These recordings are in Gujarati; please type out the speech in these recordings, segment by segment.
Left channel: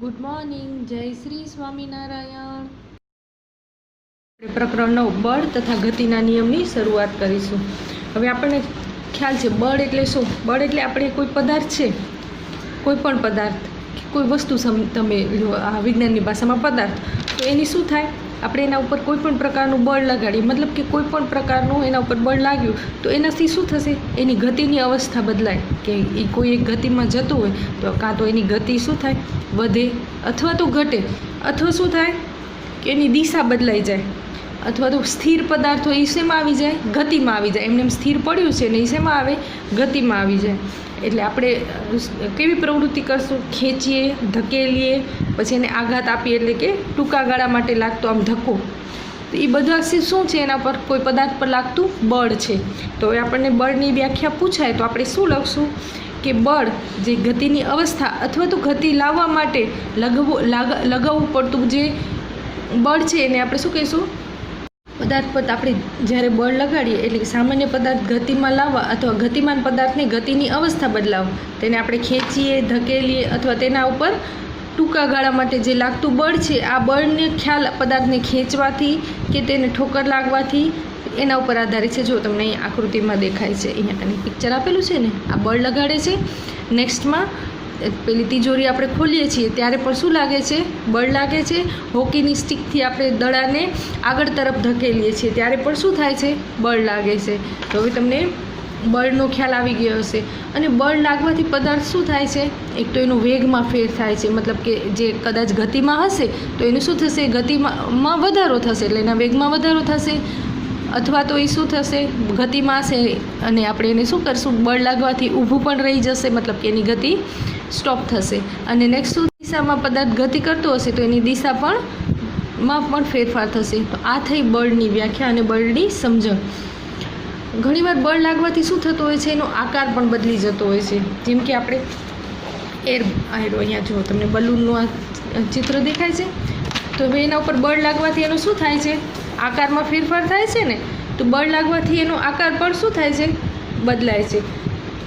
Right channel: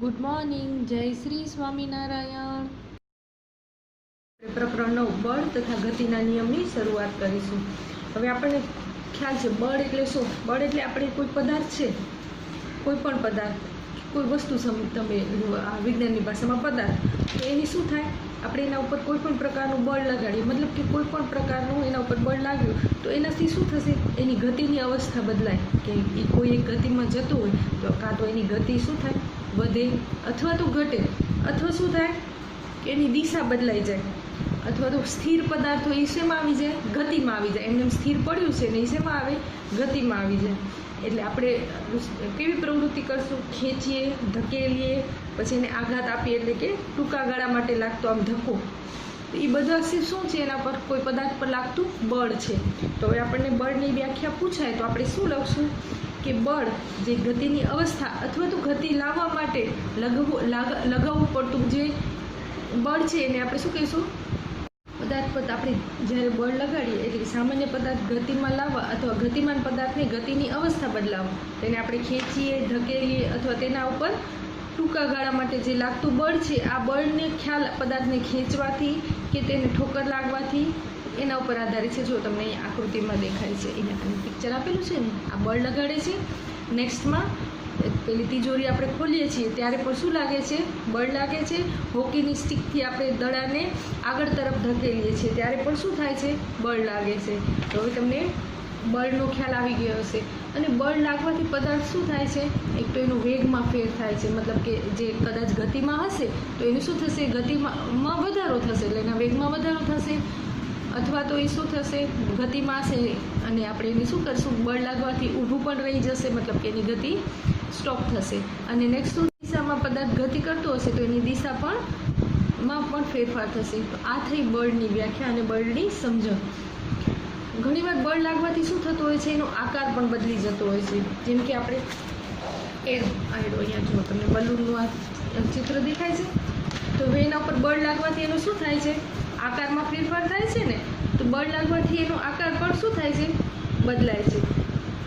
ગુડ મોર્નિંગ, જય શ્રી સ્વામિનારાયણ. પ્રકરણ 9 બળ તથા ગતિના નિયમની શરૂઆત કરીશું. હવે આપણને ખ્યાલ છે બળ એટલે શું. બળ એટલે આપણે કોઈ પદાર્થ છે, કોઈ પણ પદાર્થ, કોઈ વસ્તુ તમે આ વિજ્ઞાનની ભાષામાં પદાર્થ, તો એની શું થાય, આપણે એના ઉપર કોઈ પણ પ્રકારનું બળ લગાડીએ, મતલબ કે કોઈ પણ પ્રકારનું એના ઉપર બળ લાગ્યું તો એનાથી શું થશે, એની ગતિની અવસ્થા બદલાય. કે એ કોઈ એક ગતિમાં જતું હોય તો કાં તો એની ગતિ શું થાય, વધે અથવા તો ઘટે, અથવા શું થાય કે એની દિશા બદલાઈ જાય, અથવા તો સ્થિર પદાર્થો એ શેમાં આવી જાય, ગતિમાં આવી જાય. એમને સ્થિર પડ્યું છે ને એ શેમાં આવે, ગતિમાં આવી જાય. એટલે આપણે કેવી પ્રવૃત્તિ કરશું, ખેંચીએ, ધકેલીએ, પછી એને આઘાત આપીએ, એટલે કે ટૂંકા ગાળા માટે લાગતો આમ ધક્કો, તો એ બધા શું છે, એના પર કોઈ પદાર્થ પર લાગતું બળ છે. તો હવે આપણને બળની વ્યાખ્યા પૂછાય તો આપણે શું લખશું કે બળ જે ગતિની અવસ્થા અથવા તો ગતિ લાવવા માટે લગાવવું પડતું જે બળ છે એને આપણે શું કહીશું, પદાર્થ પર આપણે જ્યારે બળ લગાડીએ એટલે કે સામાન્ય પદાર્થ ગતિમાં લાવવા અથવા ગતિમાન પદાર્થને ગતિની અવસ્થા બદલાવવા, તેને આપણે ખેંચીએ, ધકેલીએ અથવા તેના ઉપર ટૂંકા ગાળા માટે જે લાગતું બળ છે, આ બળને ખ્યાલ પદાર્થને ખેંચવાથી કે તેને ઠોકર લાગવાથી એના ઉપર આધારિત છે. જો તમને અહીં આકૃતિમાં દેખાય છે, અહીંયા આની પિક્ચર આપેલું છે ને, આ બળ લગાડે છે. નેક્સ્ટમાં પેલી તિજોરી આપણે ખોલીએ છીએ ત્યારે પણ શું લાગે છે, બળ લાગે છે. હોકીની સ્ટિકથી આપણે દડાને આગળ તરફ ધકેલીએ છીએ ત્યારે પણ શું થાય છે, બળ લાગે છે. તો હવે તમને બળનો ખ્યાલ આવી ગયો હશે. અને બળ લાગવાથી પદાર્થ શું થાય છે, એક તો એનો વેગમાં ફેર થાય છે, મતલબ કે જે કદાચ ગતિમાં હશે તો એનું શું થશે, ગતિમાં વધારો થશે, એટલે એના વેગમાં વધારો થશે. અથવા તો એ શું થશે, ગતિમાં હશે અને આપણે એને શું કરશું, બળ લાગવાથી ઊભું પણ રહી જશે, મતલબ કે એની ગતિ સ્ટોપ થશે. અને નેક્સ્ટ શું, દિશામાં પદાર્થ ગતિ કરતો હશે તો એની દિશા પણ ફેરફાર થશે. તો આ થઈ બળની વ્યાખ્યા અને બળની સમજણ. ઘણીવાર બળ લાગવાથી શું થતું હોય છે, એનો આકાર પણ બદલી જતો હોય છે. જેમ કે આપણે અહીંયા જુઓ, તમને બલૂનનું આ ચિત્ર દેખાય છે, તો હવે એના ઉપર બળ લાગવાથી એનું શું થાય છે, આકારમાં ફેરફાર થાય છે ને. તો બળ લાગવાથી એનો આકાર પણ શું થાય છે, બદલાય છે.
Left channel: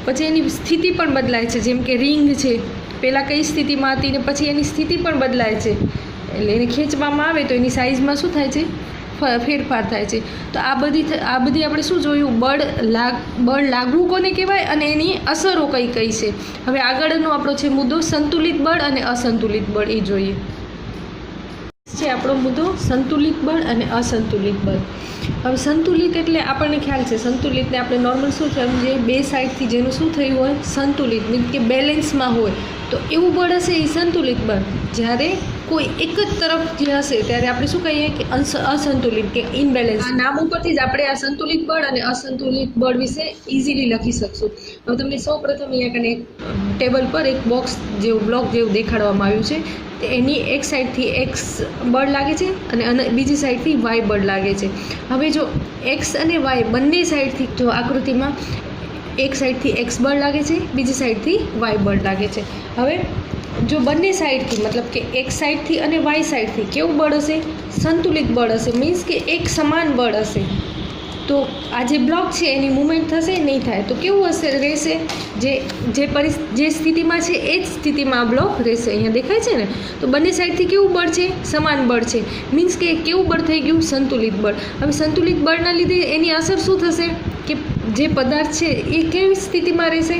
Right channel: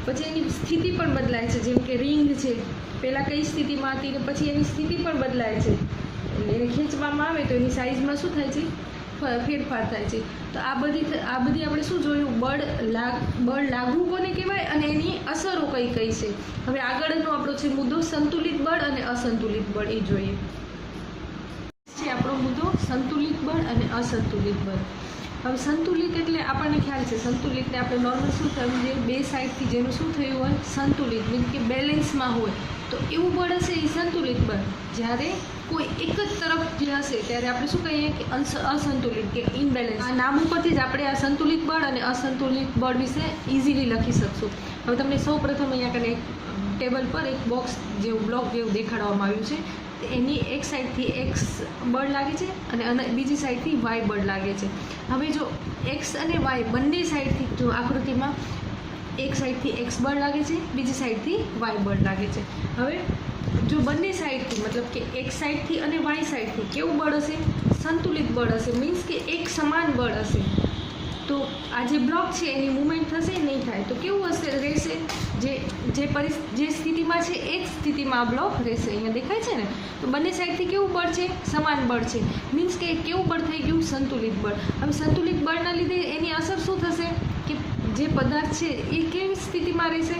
પછી એની સ્થિતિ પણ બદલાય છે. જેમ કે રિંગ છે, પહેલાં કઈ સ્થિતિમાં હતી ને પછી એની સ્થિતિ પણ બદલાય છે. એટલે એને ખેંચવામાં આવે તો એની સાઇઝમાં શું થાય છે, ફેરફાર થાય છે. તો આ બધી આપણે શું જોયું, બળ લાગવું કોને કહેવાય અને એની અસરો કઈ કઈ છે. હવે આગળનો આપણો છે મુદ્દો સંતુલિત બળ અને અસંતુલિત બળ, એ જોઈએ છે આપણો મુદ્દો સંતુલિત બળ અને અસંતુલિત બળ. હવે સંતુલિત એટલે આપણને ખ્યાલ છે, સંતુલિતને આપણે નોર્મલ શું સમજીએ, બે સાઈડથી જેનું શું થયું હોય, સંતુલિત મીન્સ કે બેલેન્સમાં હોય તો એવું બળ હશે એ સંતુલિત બળ. જ્યારે કોઈ એક જ તરફ જે હશે ત્યારે આપણે શું કહીએ કે અસંતુલિત કે ઇનબેલેન્સ. આ નામ ઉપરથી જ આપણે આ સંતુલિત બળ અને અસંતુલિત બળ વિશે ઇઝીલી લખી શકશું. હવે તમને સૌ પ્રથમ અહીંયા કને ટેબલ પર એક બોક્સ જેવું બ્લોક જેવું દેખાડવામાં આવ્યું છે. એની એક સાઈડથી એક્સ બળ લાગે છે અને બીજી સાઈડથી વાય બળ લાગે છે. હવે જો એક્સ અને વાય બંને સાઈડથી, જો આકૃતિમાં એક સાઈડથી એક્સ બળ લાગે છે, બીજી સાઈડથી વાય બળ લાગે છે. હવે જો બંને સાઈડથી, મતલબ કે એક સાઈડથી અને વાય સાઈડથી કેવું બળ હશે, સંતુલિત બળ હશે, મીન્સ કે એક સમાન બળ હશે. તો આ જે બ્લોક છે એની મૂવમેન્ટ થશે નહીં થાય. તો કેવું હશે, રહેશે, જે સ્થિતિમાં છે એ જ સ્થિતિમાં આ બ્લોક રહેશે. અહીંયા દેખાય છે ને. તો બંને સાઈડથી કેવું બળ છે, સમાન બળ છે, મીન્સ કે કેવું બળ થઈ ગયું, સંતુલિત બળ. હવે સંતુલિત બળના લીધે એની અસર શું થશે કે જે પદાર્થ છે એ કેવી સ્થિતિમાં રહેશે,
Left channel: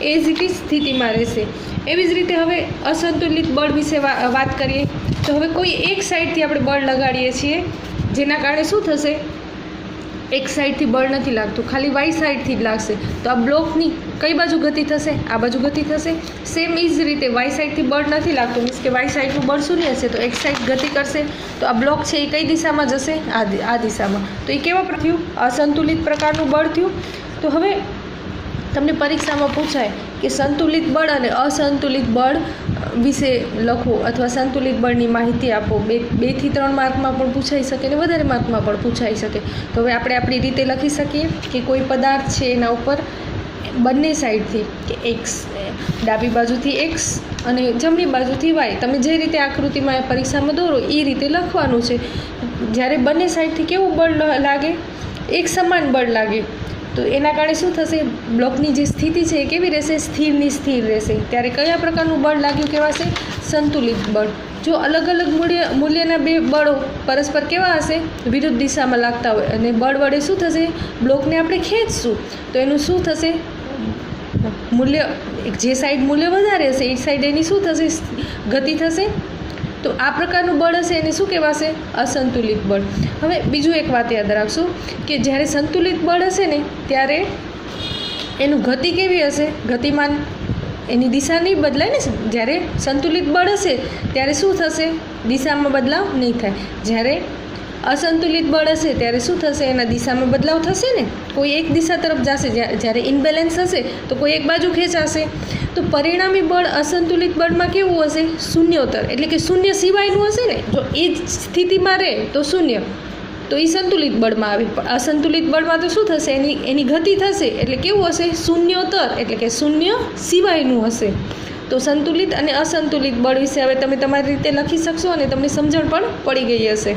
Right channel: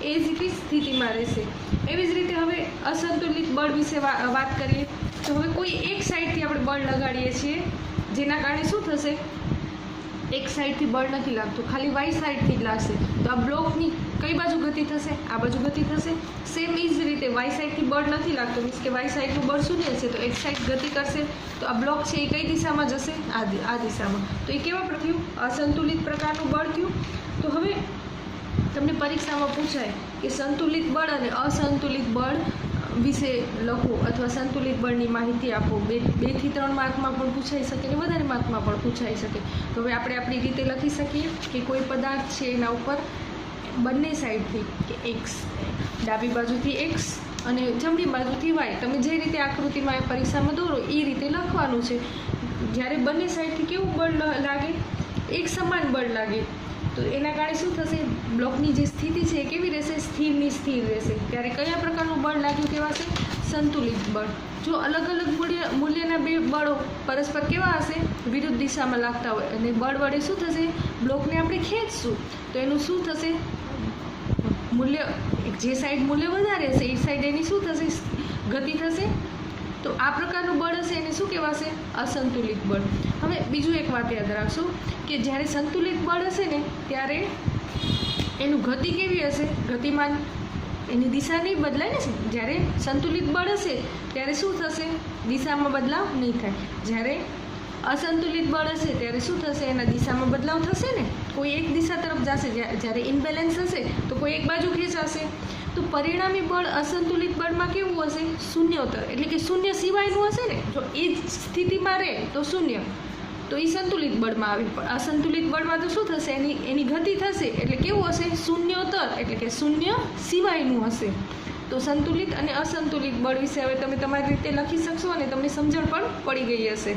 એ જ રીતે સ્થિતિમાં રહેશે. એવી જ રીતે હવે અસંતુલિત બળ વિશે વાત કરીએ તો હવે કોઈ એક સાઈડથી આપણે બળ લગાડીએ છીએ, જેના કારણે શું થશે, એક સાઈડથી બળ નથી લાગતું, ખાલી વાય સાઈડથી જ લાગશે. તો આ બ્લોકની કઈ બાજુ ગતિ થશે, આ બાજુ ગતિ થશે. સેમ એ જ રીતે વાય સાઈડથી બળ નથી લાગતું, મીન્સ કે વાય સાઈડનું બળ શૂન્ય હશે, તો એક સાઈડ ગતિ કરશે. તો આ બ્લોક છે એ કઈ દિશામાં જશે, આ દિશામાં. તો એ કેવા પર થયું, અસંતુલિત પ્રકારનું બળ થયું. તો હવે તમને પરીક્ષામાં પૂછાય કે સંતુલિત બળ અને અસંતુલિત બળ વિશે લખો અથવા સંતુલિત બળની માહિતી આપો. 2 થી 3 માર્કમાં પણ પૂછાઈ શકે અને વધારે માર્કમાં પણ પૂછાઈ શકે. તો હવે આપણે આપણી રીતે લખી શકીએ કે કોઈ પદાર્થ છે એના ઉપર બંને સાઈડથી કે એક્સ, ડાબી બાજુથી એક્સ અને જમણી બાજુથી વાય, તમે જે રીતે આકૃતિમાં પરીક્ષામાં દોરો એ રીતે લખવાનું છે. જ્યારે બંને સાઈડથી કેવું બળ લાગે, એક સમાન બળ લાગે. તો એના કારણે શું થશે, બ્લોકની જે સ્થિતિ છે એ કેવી રહેશે, સ્થિરની સ્થિર રહેશે. ત્યારે કયા પ્રકારનું બળ લાગ્યું કહેવાશે, સંતુલિત બળ. જો અલગ અલગ મૂલ્યના બે બળો પરસ્પર કેવા હશે, વિરુદ્ધ દિશામાં લાગતા હોય અને બળ વડે શું થશે, બ્લોકને આપણે ખેંચશું તો એનું શું થશે, મૂલ્ય જે સાઈડ મૂલ્ય વધારે હશે એ સાઈડ એની શું થશે, ગતિ થશે. તો આ પ્રકારનું બળ હશે એને શું કહેવાશે, અસંતુલિત બળ. હવે બીજું એક વાત યાદ રાખશું કે જ્યારે સંતુલિત બળ હશે ને ત્યારે એનું ગતિ કેવી હશે, ગતિમાન એની દિશા નહીં બદલાય ને. જ્યારે સંતુલિત બળ હશે ત્યારે શું થશે, દિશામાં બદલાવ નહીં થાય. જ્યારે અસંતુલિત બળ હશે ત્યારે શું થશે, એના દિશામાં બદલાવ થશે ને, કોઈ એક દિશા તરફ જશે. જ્યારે ઇનબેલેન્સ હશે તો કોઈ એક બાજુ ખેંચાશે. તો પરિણામી બળ અસંતુલિત બળમાં કેવું હશે, શૂન્યોત્તર, એટલે કે શૂન્ય સિવાયનું હશે ને. જો એ જ સ્થિતિમાં રહે તો શૂન્ય, તો એ સંતુલિત બળમાં આવે. પણ અસંતુલિત બળમાં તો શું થશે, એની ગતિ થશે, એટલે કેવું હશે, શૂન્યોત્તર, એટલે કે શૂન્ય સિવાયનું હશે. તો સંતુલિત અને અસંતુલિત બળ વિશે હવે તમે તમારી રીતે લખી શકશો અને તમને સમજણ પણ પડી ગઈ હશે.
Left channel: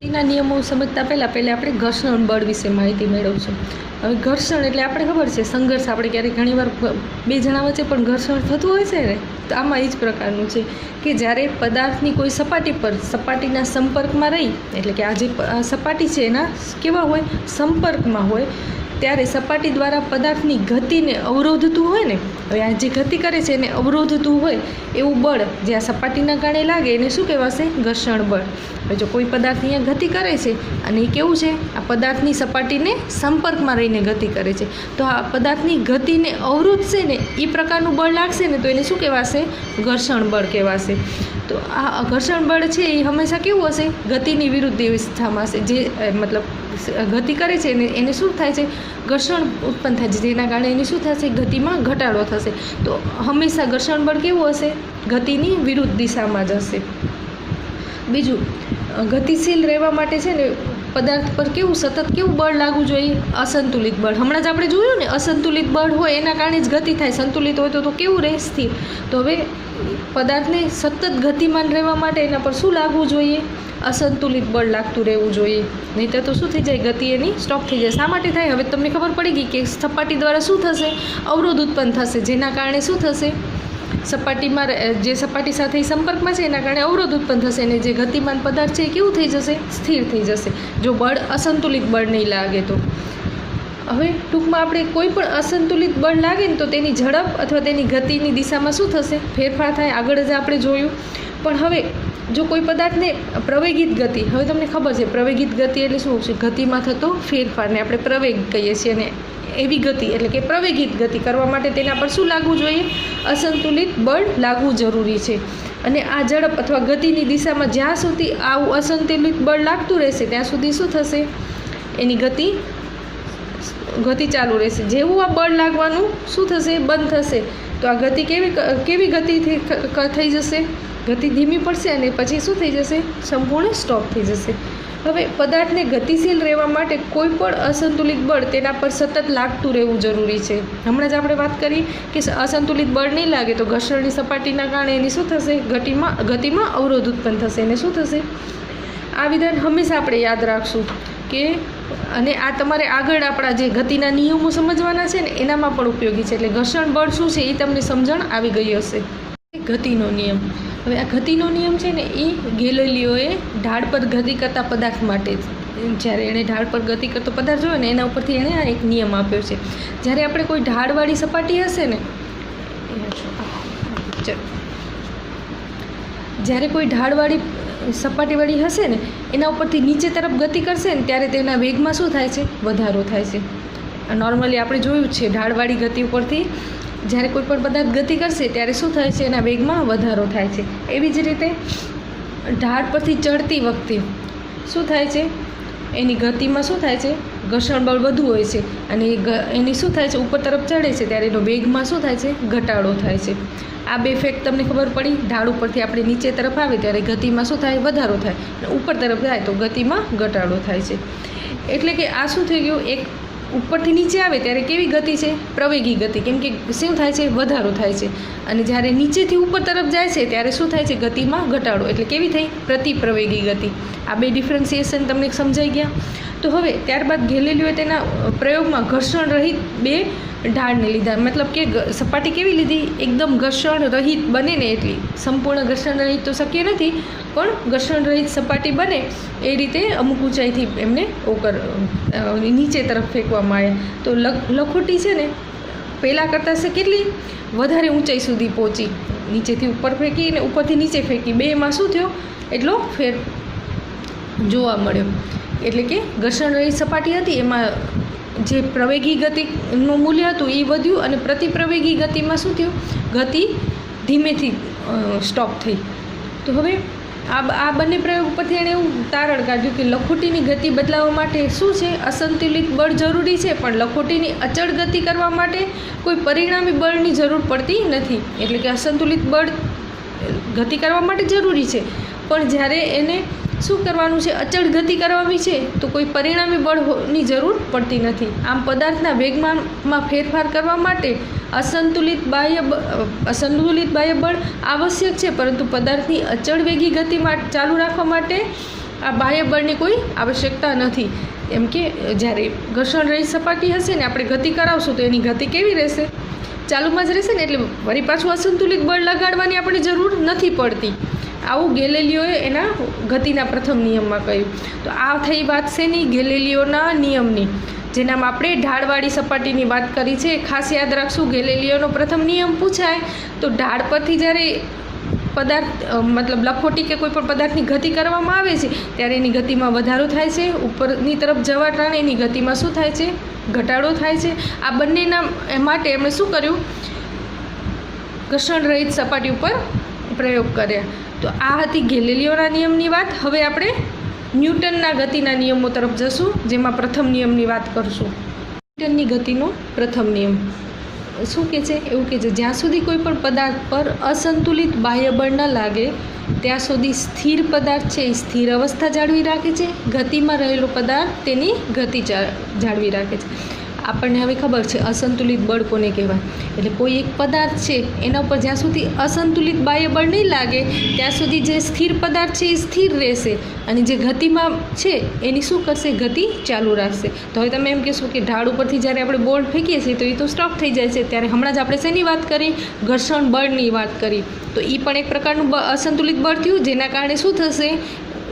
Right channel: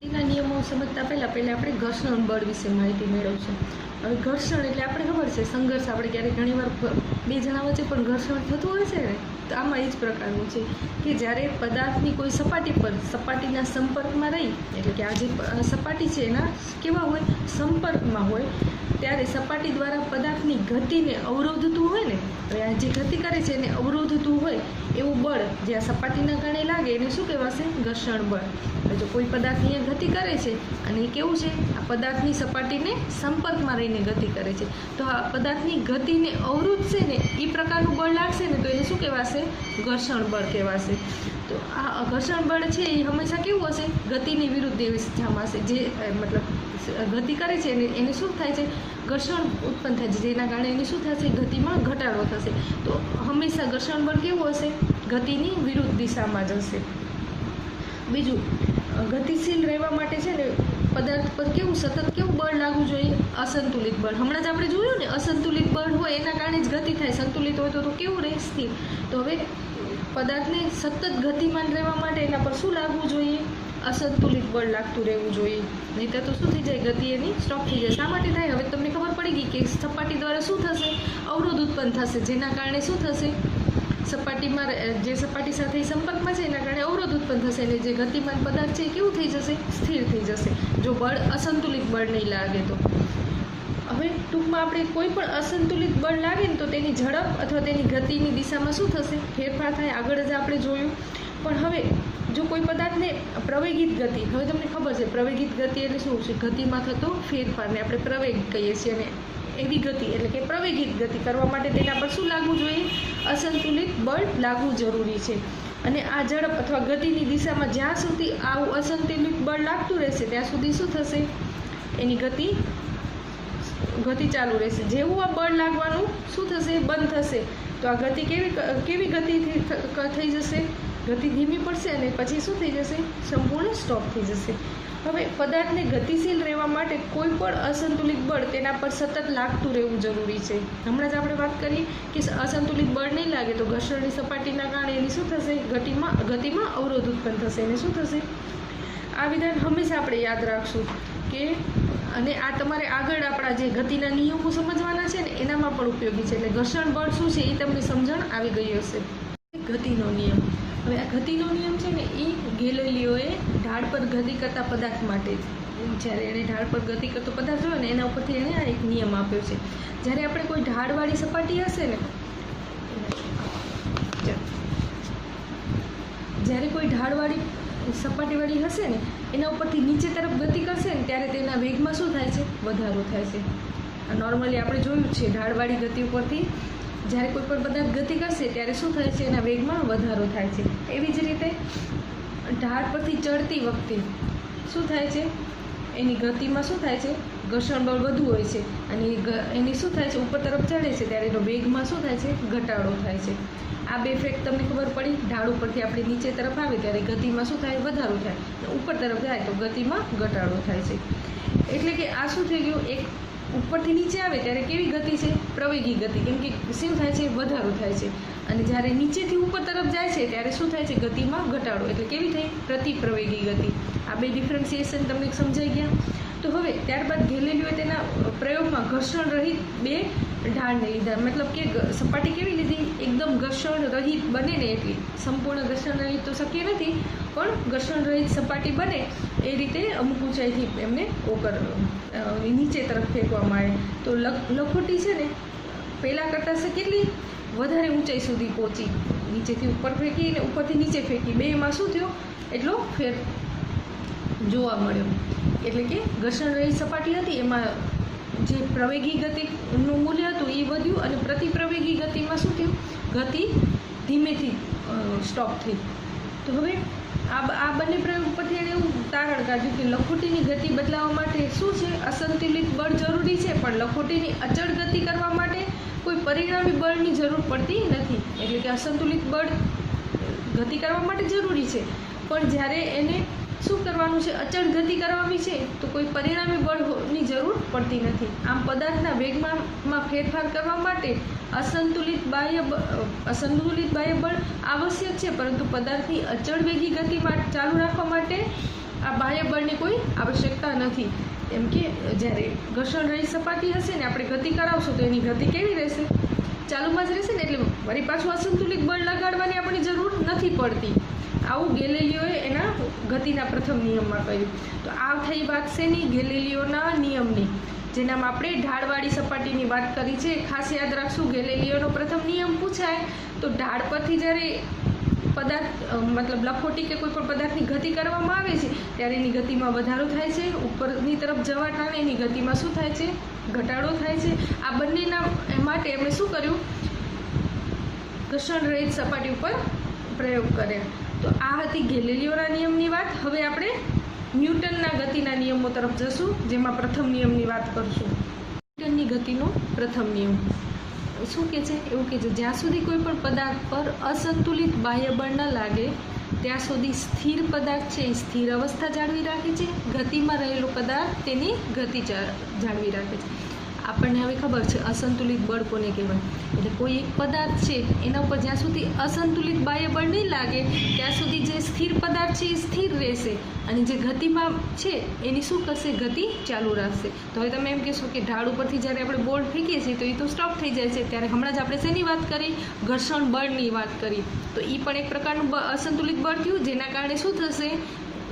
ગતિના નિયમો સમજતા પહેલાં આપણે ઘર્ષણ બળ વિશે માહિતી મેળવશું. હવે ઘર્ષણ એટલે આપણે ખબર છે સંઘર્ષ, આપણે ક્યારેક ઘણીવાર બે જણા વચ્ચે પણ ઘર્ષણ થતું હોય છે ને, તો આમાં એ જ પ્રકારનું છે કે જ્યારે પદાર્થની કોઈ સપાટી પર સપાટીના સંપર્કમાં રહી, એટલે કે આ જે સપાટી છે એના કેવા હોય, સંપર્કમાં હોય, ત્યારે સપાટી દ્વારા પદાર્થની ગતિને અવરોધતું હોય ને, હવે આ જે ગતિ કરે છે એને અવરોધતું હોય એવું બળ જે આ સપાટીના કારણે લાગે એને શું કહેવાશે, ઘર્ષણ બળ. હવે જો કોઈ પદાર્થ અહીંયા ગતિ કરે છે અને એ કેવું છે, આ પદાર્થની સપાટીને સંપર્કમાં રહીને ગતિ કરે છે, તો આ પદાર્થની ગતિને અવરોધશે ને એ પ્રકારનું બળ લાગશે ને તો એને શું કહેવાશે, ઘર્ષણ બળ કહેવાશે. તો આ ઘર્ષણ બળ છે એ હંમેશા કેવું હશે, ગતિની વિરુદ્ધ દિશામાં હશે. જે મતલબ ગતિ કરે છે એને શું થાય છે, ઘર્ષણ ઉત્પન્ન થાય છે, જેના કારણે એની શું થશે, ગતિમાં ઘટાડો થશે. તો હંમેશા ઘર્ષણ બળ કેવું હશે, ગતિની વિરુદ્ધ દિશામાં જ હશે. બીજું, ગતિશીલ રહેવા માટે છે ને પદાર્થ પર કેવું સતત કેવું બળ લાગવું જોઈએ, અસંતુલિત બળ. હમણાં જ આપણે જોયું ને, અસંતુલિત બળ હોય એના કારણે જ ગતિ થાય, સંતુલિત હોય તો કેવું રહે, સ્થિર. તો હવે પદાર્થને સતત ગતિમાન રહેવા માટે એના પર શું લાગવું જોઈએ, અસંતુલિત બળ લાગતું રહેવું જોઈએ. નહીંતર તો શું થઈ જાય, ગતિ એની સ્ટોપ થઈ જાય. શા માટે થાય, હવે તમને ખબર પડી ગઈ કે સપાટી દ્વારા શું થશે, અવરોધ ઉત્પન્ન થશે, જેના કારણે શું થશે, સપાટીમાં જે સપાટી સાથે સંપર્કમાં છે એના કારણે અવરોધ ઉત્પન્ન થશે અને જે ગતિમાન પદાર્થ છે એ કેવું થઈ જશે, સ્થિર થઈ જશે, જો બળ અસંતુલિત બળ નહીં લાગે તો. હવે ટૂંકમાં આપણે કોઈ પણ અસંતુલિત બળ લાગે ને તો તેની ઝડપ અથવા તેની ગતિની દિશામાં શું થશે, ફેરફાર થાય. આગળ જ આપણે જોયું. પણ હવે જો કોઈ પદાર્થને પ્રવેગિત ગતિ, હવે તમને ખબર છે પ્રવેગિત ગતિ એટલે શું છે, ગતિમાં થતો ફેરફારને આપણે પ્રવેગ કહીએ છીએ. અને એવી ગતિ એટલે કે પ્રવેગિત ગતિ કરવા માટે તેના પર શું લાગવું જોઈએ, અસંતુલિત બળ લાગવું જરૂરી છે. અને આ ઝડપ અથવા ગતિની દિશામાં જ્યાં સુધી આવું અસંતુલિત બળ લાગતું રહેશે ત્યાં સુધી શું થશે, એની ગતિ ચાલુ રહેશે. જેવું આ બળ લાગવાનું શું થશે, બંધ થશે, તો આ ગતિ કેવી ગતિ થઈ જશે, ગતિ ધીમી પડશે અને પછી શું થઈ જશે, સંપૂર્ણ સ્ટોપ થઈ જશે. હવે પદાર્થને ગતિશીલ રહેવા માટે કોઈ પણ અસંતુલિત બળ તેના પર સતત લાગતું રહેવું જરૂરી છે. હમણાં જ આપણે વાત કરી કે અસંતુલિત બળ નહીં લાગે તો ઘર્ષણની સપાટીના કારણે એની શું થશે, ગતિમાં અવરોધ ઉત્પન્ન થશે. એને શું થશે, આ વિધાન હંમેશા આપણે યાદ રાખશું કે, અને આ તમારે આગળ આપણા જે ગતિના નિયમો સમજવાના છે ને એનામાં પણ ઉપયોગી છે. એટલે ઘર્ષણ બળ શું છે એ તમને સમજણ આવી ગઈ હશે. ગતિનો નિયમ. હવે આ ગતિનો નિયમ છે ને એ ગેલિલિયોએ ઢાળ પર ગતિ કરતા પદાર્થ માટે જ્યારે એણે ઢાળ પર ગતિ કરતો પદાર્થ જોયો ને એના ઉપરથી એણે આ એક નિયમ આપ્યો છે. જ્યારે આપણે કોઈ ઢાળવાળી સપાટી હશે ને, જ્યારે કોઈ ઢાળવાળી સપાટીવાળી હશે ને એના ઉપરથી નીચે તરફ ગતિ કરશે ને ત્યારે તેના વેગમાં શું થાય છે, વધારો થાય છે. નોર્મલી આપણે જોયું છે ઢાળવાળી ગતિ ઉપરથી જ્યારે કોઈ પણ પદાર્થ ગતિ કરશે ત્યારે શું થાય છે, એના વેગમાં વધારો થાય છે. એવી જ રીતે ઢાળ પરથી ચડતી વખતે શું થાય છે, એની ગતિમાં શું થાય છે, ઘર્ષણ બળ વધુ હોય છે અને એની શું થાય છે, ઉપર તરફ ચડે છે ત્યારે એનો વેગમાં શું થાય છે, ઘટાડો થાય છે. આ બે ફેક્ટ તમને ખબર પડી. ઢાળ ઉપરથી આપણે નીચે તરફ આવે ત્યારે ગતિમાં શું થાય, વધારો થાય, અને ઉપર તરફ જાય તો ગતિમાં ઘટાડો થાય છે. એટલે કે આ શું થઈ ગયું, એક ઉપરથી નીચે આવે ત્યારે કેવી ગતિ છે, પ્રવેગી ગતિ, કેમ કે શું થાય છે, વધારો થાય છે. અને જ્યારે નીચેથી ઉપર તરફ જાય છે ત્યારે શું થાય છે, ગતિમાં ઘટાડો, એટલે કેવી થઈ, પ્રતિપ્રવેગી ગતિ. આ બે ડિફરન્સિએશન તમને સમજાઈ ગયા. તો હવે ત્યારબાદ ગેલેલિયોએ તેના પ્રયોગમાં ઘર્ષણ રહિત બે ઢાળને લીધા, મતલબ કે સપાટી કેવી લીધી, એકદમ ઘર્ષણ રહિત બને ને એટલી, સંપૂર્ણ ઘર્ષણ રહિત તો શક્ય નથી, પણ ઘર્ષણ રહિત સપાટી બને એ રીતે અમુક ઊંચાઈથી એમને નીચે તરફ ફેંકવામાં આવ્યા. તો લખોટી છે ને પહેલાં કરતાં છે કેટલી વધારે ઊંચાઈ સુધી પહોંચી, નીચેથી ઉપર ફેંકી અને ઉપરથી નીચે ફેંકી, બેમાં શું થયો એટલો ફેર જોવા મળ્યો. એટલે કે ઘર્ષણ રહિત સપાટી હતી એમાં જે પ્રવેગી ગતિનું મૂલ્ય હતું એ વધ્યું અને પ્રતિપ્રવેગી ગતિમાં શું થયું, ગતિ ધીમેથી સ્ટોપ થઈ. તો હવે આ બંને પ્રયોગ ઉપરથી એણે એવું તારણ કાઢ્યું કે લખોટીની ગતિ બદલાવવા માટે શું છે, અસંતુલિત બળ જરૂરી છે, પણ લખોટીની અચળ ગતિ કરવા માટે કોઈ પરિણામી બળની જરૂર પડતી નથી. એટલે કે અસંતુલિત બળ ગતિ કરવા માટે જરૂરી છે, પણ જ્યારે એને શું કરવાનું છે, અચળ ગતિ કરવાની છે, તો કોઈ પરિણામી બળની જરૂર પડતી નથી. આમ પદાર્થના વેગમાનમાં ફેરફાર કરવા માટે અસંતુલિત બાહ્ય બળ આવશ્યક છે, પરંતુ પદાર્થની અચળ વેગી ગતિમાં ચાલુ રાખવા માટે આ બાહ્ય બળની કોઈ આવશ્યકતા નથી. એમ કે જ્યારે ઘર્ષણ રહિત સપાટી હશે ને આપણે ગતિ કરાવશું તો એની ગતિ કેવી રહેશે, ચાલુમાં જ રહેશે ને, એટલે વળી પાછું અસંતુલિત બળ લગાડવાની આપણે જરૂર નથી પડતી. આવું ગેલેલિયોએ એના ગતિના પ્રથમ નિયમમાં કહ્યું. તો આ થઈ વાત શેની, ગેલેલિયોના નિયમની, જેનામાં આપણે ઢાળવાળી સપાટીની વાત કરી છે. ખાસ યાદ રાખશું, ગેલેલિયોનો પ્રથમ નિયમ પૂછાય તો ઢાળ પરથી જ્યારે પદાર્થ મતલબ લખોટી કે કોઈ પણ પદાર્થની ગતિ કરવામાં આવે છે ત્યારે એની ગતિમાં વધારો થાય છે, ઉપરની તરફ જવા ટાણે એની ગતિમાં શું થાય છે, ઘટાડો થાય છે. આ બંનેના માટે એમણે શું કર્યું, ઘર્ષણ રહિત સપાટી ઉપર પ્રયોગ કર્યા. તો આ હતી ગેલેલિયોના નિયમની વાત. હવે આપણે ન્યૂટનના ગતિના નિયમો તરફ જશું, જેમાં પ્રથમ નિયમની વાત કરશું. ન્યૂટનની ગતિનો પ્રથમ નિયમ શું કહે છે, એવું કહે છે, જ્યાં સુધી કોઈ પણ પદાર્થ પર અસંતુલિત બાહ્ય બળ ન લાગે ત્યાં સુધી સ્થિર પદાર્થ છે એ સ્થિર અવસ્થા જાળવી રાખે છે, ગતિમાં રહેલો પદાર્થ તેની ગતિ જાળવી રાખે છે. આપણને હવે ખબર છે અસંતુલિત બળ કોને કહેવાય. એટલે કોઈ એક પદાર્થ છે એના ઉપર જ્યાં સુધી અસંતુલિત બાહ્ય બળ નહીં લાગે ત્યાં સુધી જે સ્થિર પદાર્થ છે એ સ્થિર રહેશે અને જે ગતિમાં છે એની શું કરશે, ગતિ ચાલુ રાખશે. તો હવે તમે એમ કહેશો કે ઢાળ ઉપરથી જ્યારે આપણે બોલ ફેંકીએ છીએ તો એ તો સ્ટોપ થઈ જાય છે, ત્યારે હમણાં જ આપણે શેની વાત કરી, ઘર્ષણ બળની વાત કરી. તો એ પણ એક પ્રકારનું અસંતુલિત બળ થયું, જેના કારણે શું થશે,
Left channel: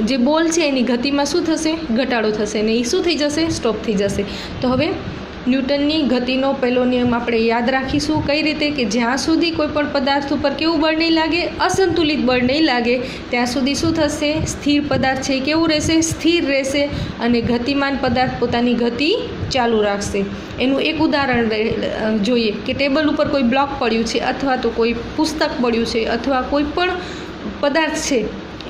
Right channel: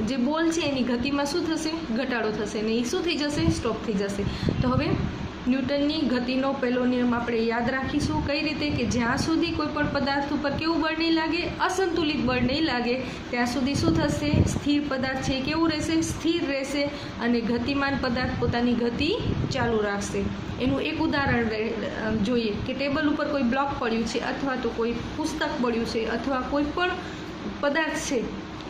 જે બોલ છે એની ગતિમાં શું થશે, ઘટાડો થશે ને એ શું થઈ જશે, સ્ટોપ થઈ જશે. તો હવે ન્યૂટનની ગતિનો પહેલો નિયમ આપણે યાદ રાખીશું. કઈ રીતે કે જ્યાં સુધી કોઈ પણ પદાર્થ ઉપર કેવું બળ નહીં લાગે, અસંતુલિત બળ નહીં લાગે ત્યાં સુધી શું થશે, સ્થિર પદાર્થ છે કેવું રહેશે, સ્થિર રહેશે અને ગતિમાન પદાર્થ પોતાની ગતિ ચાલુ રાખશે. એનું એક ઉદાહરણ જોઈએ કે ટેબલ ઉપર કોઈ બ્લોક પડ્યું છે અથવા તો કોઈ પુસ્તક પડ્યું છે અથવા કોઈ પણ પદાર્થ છે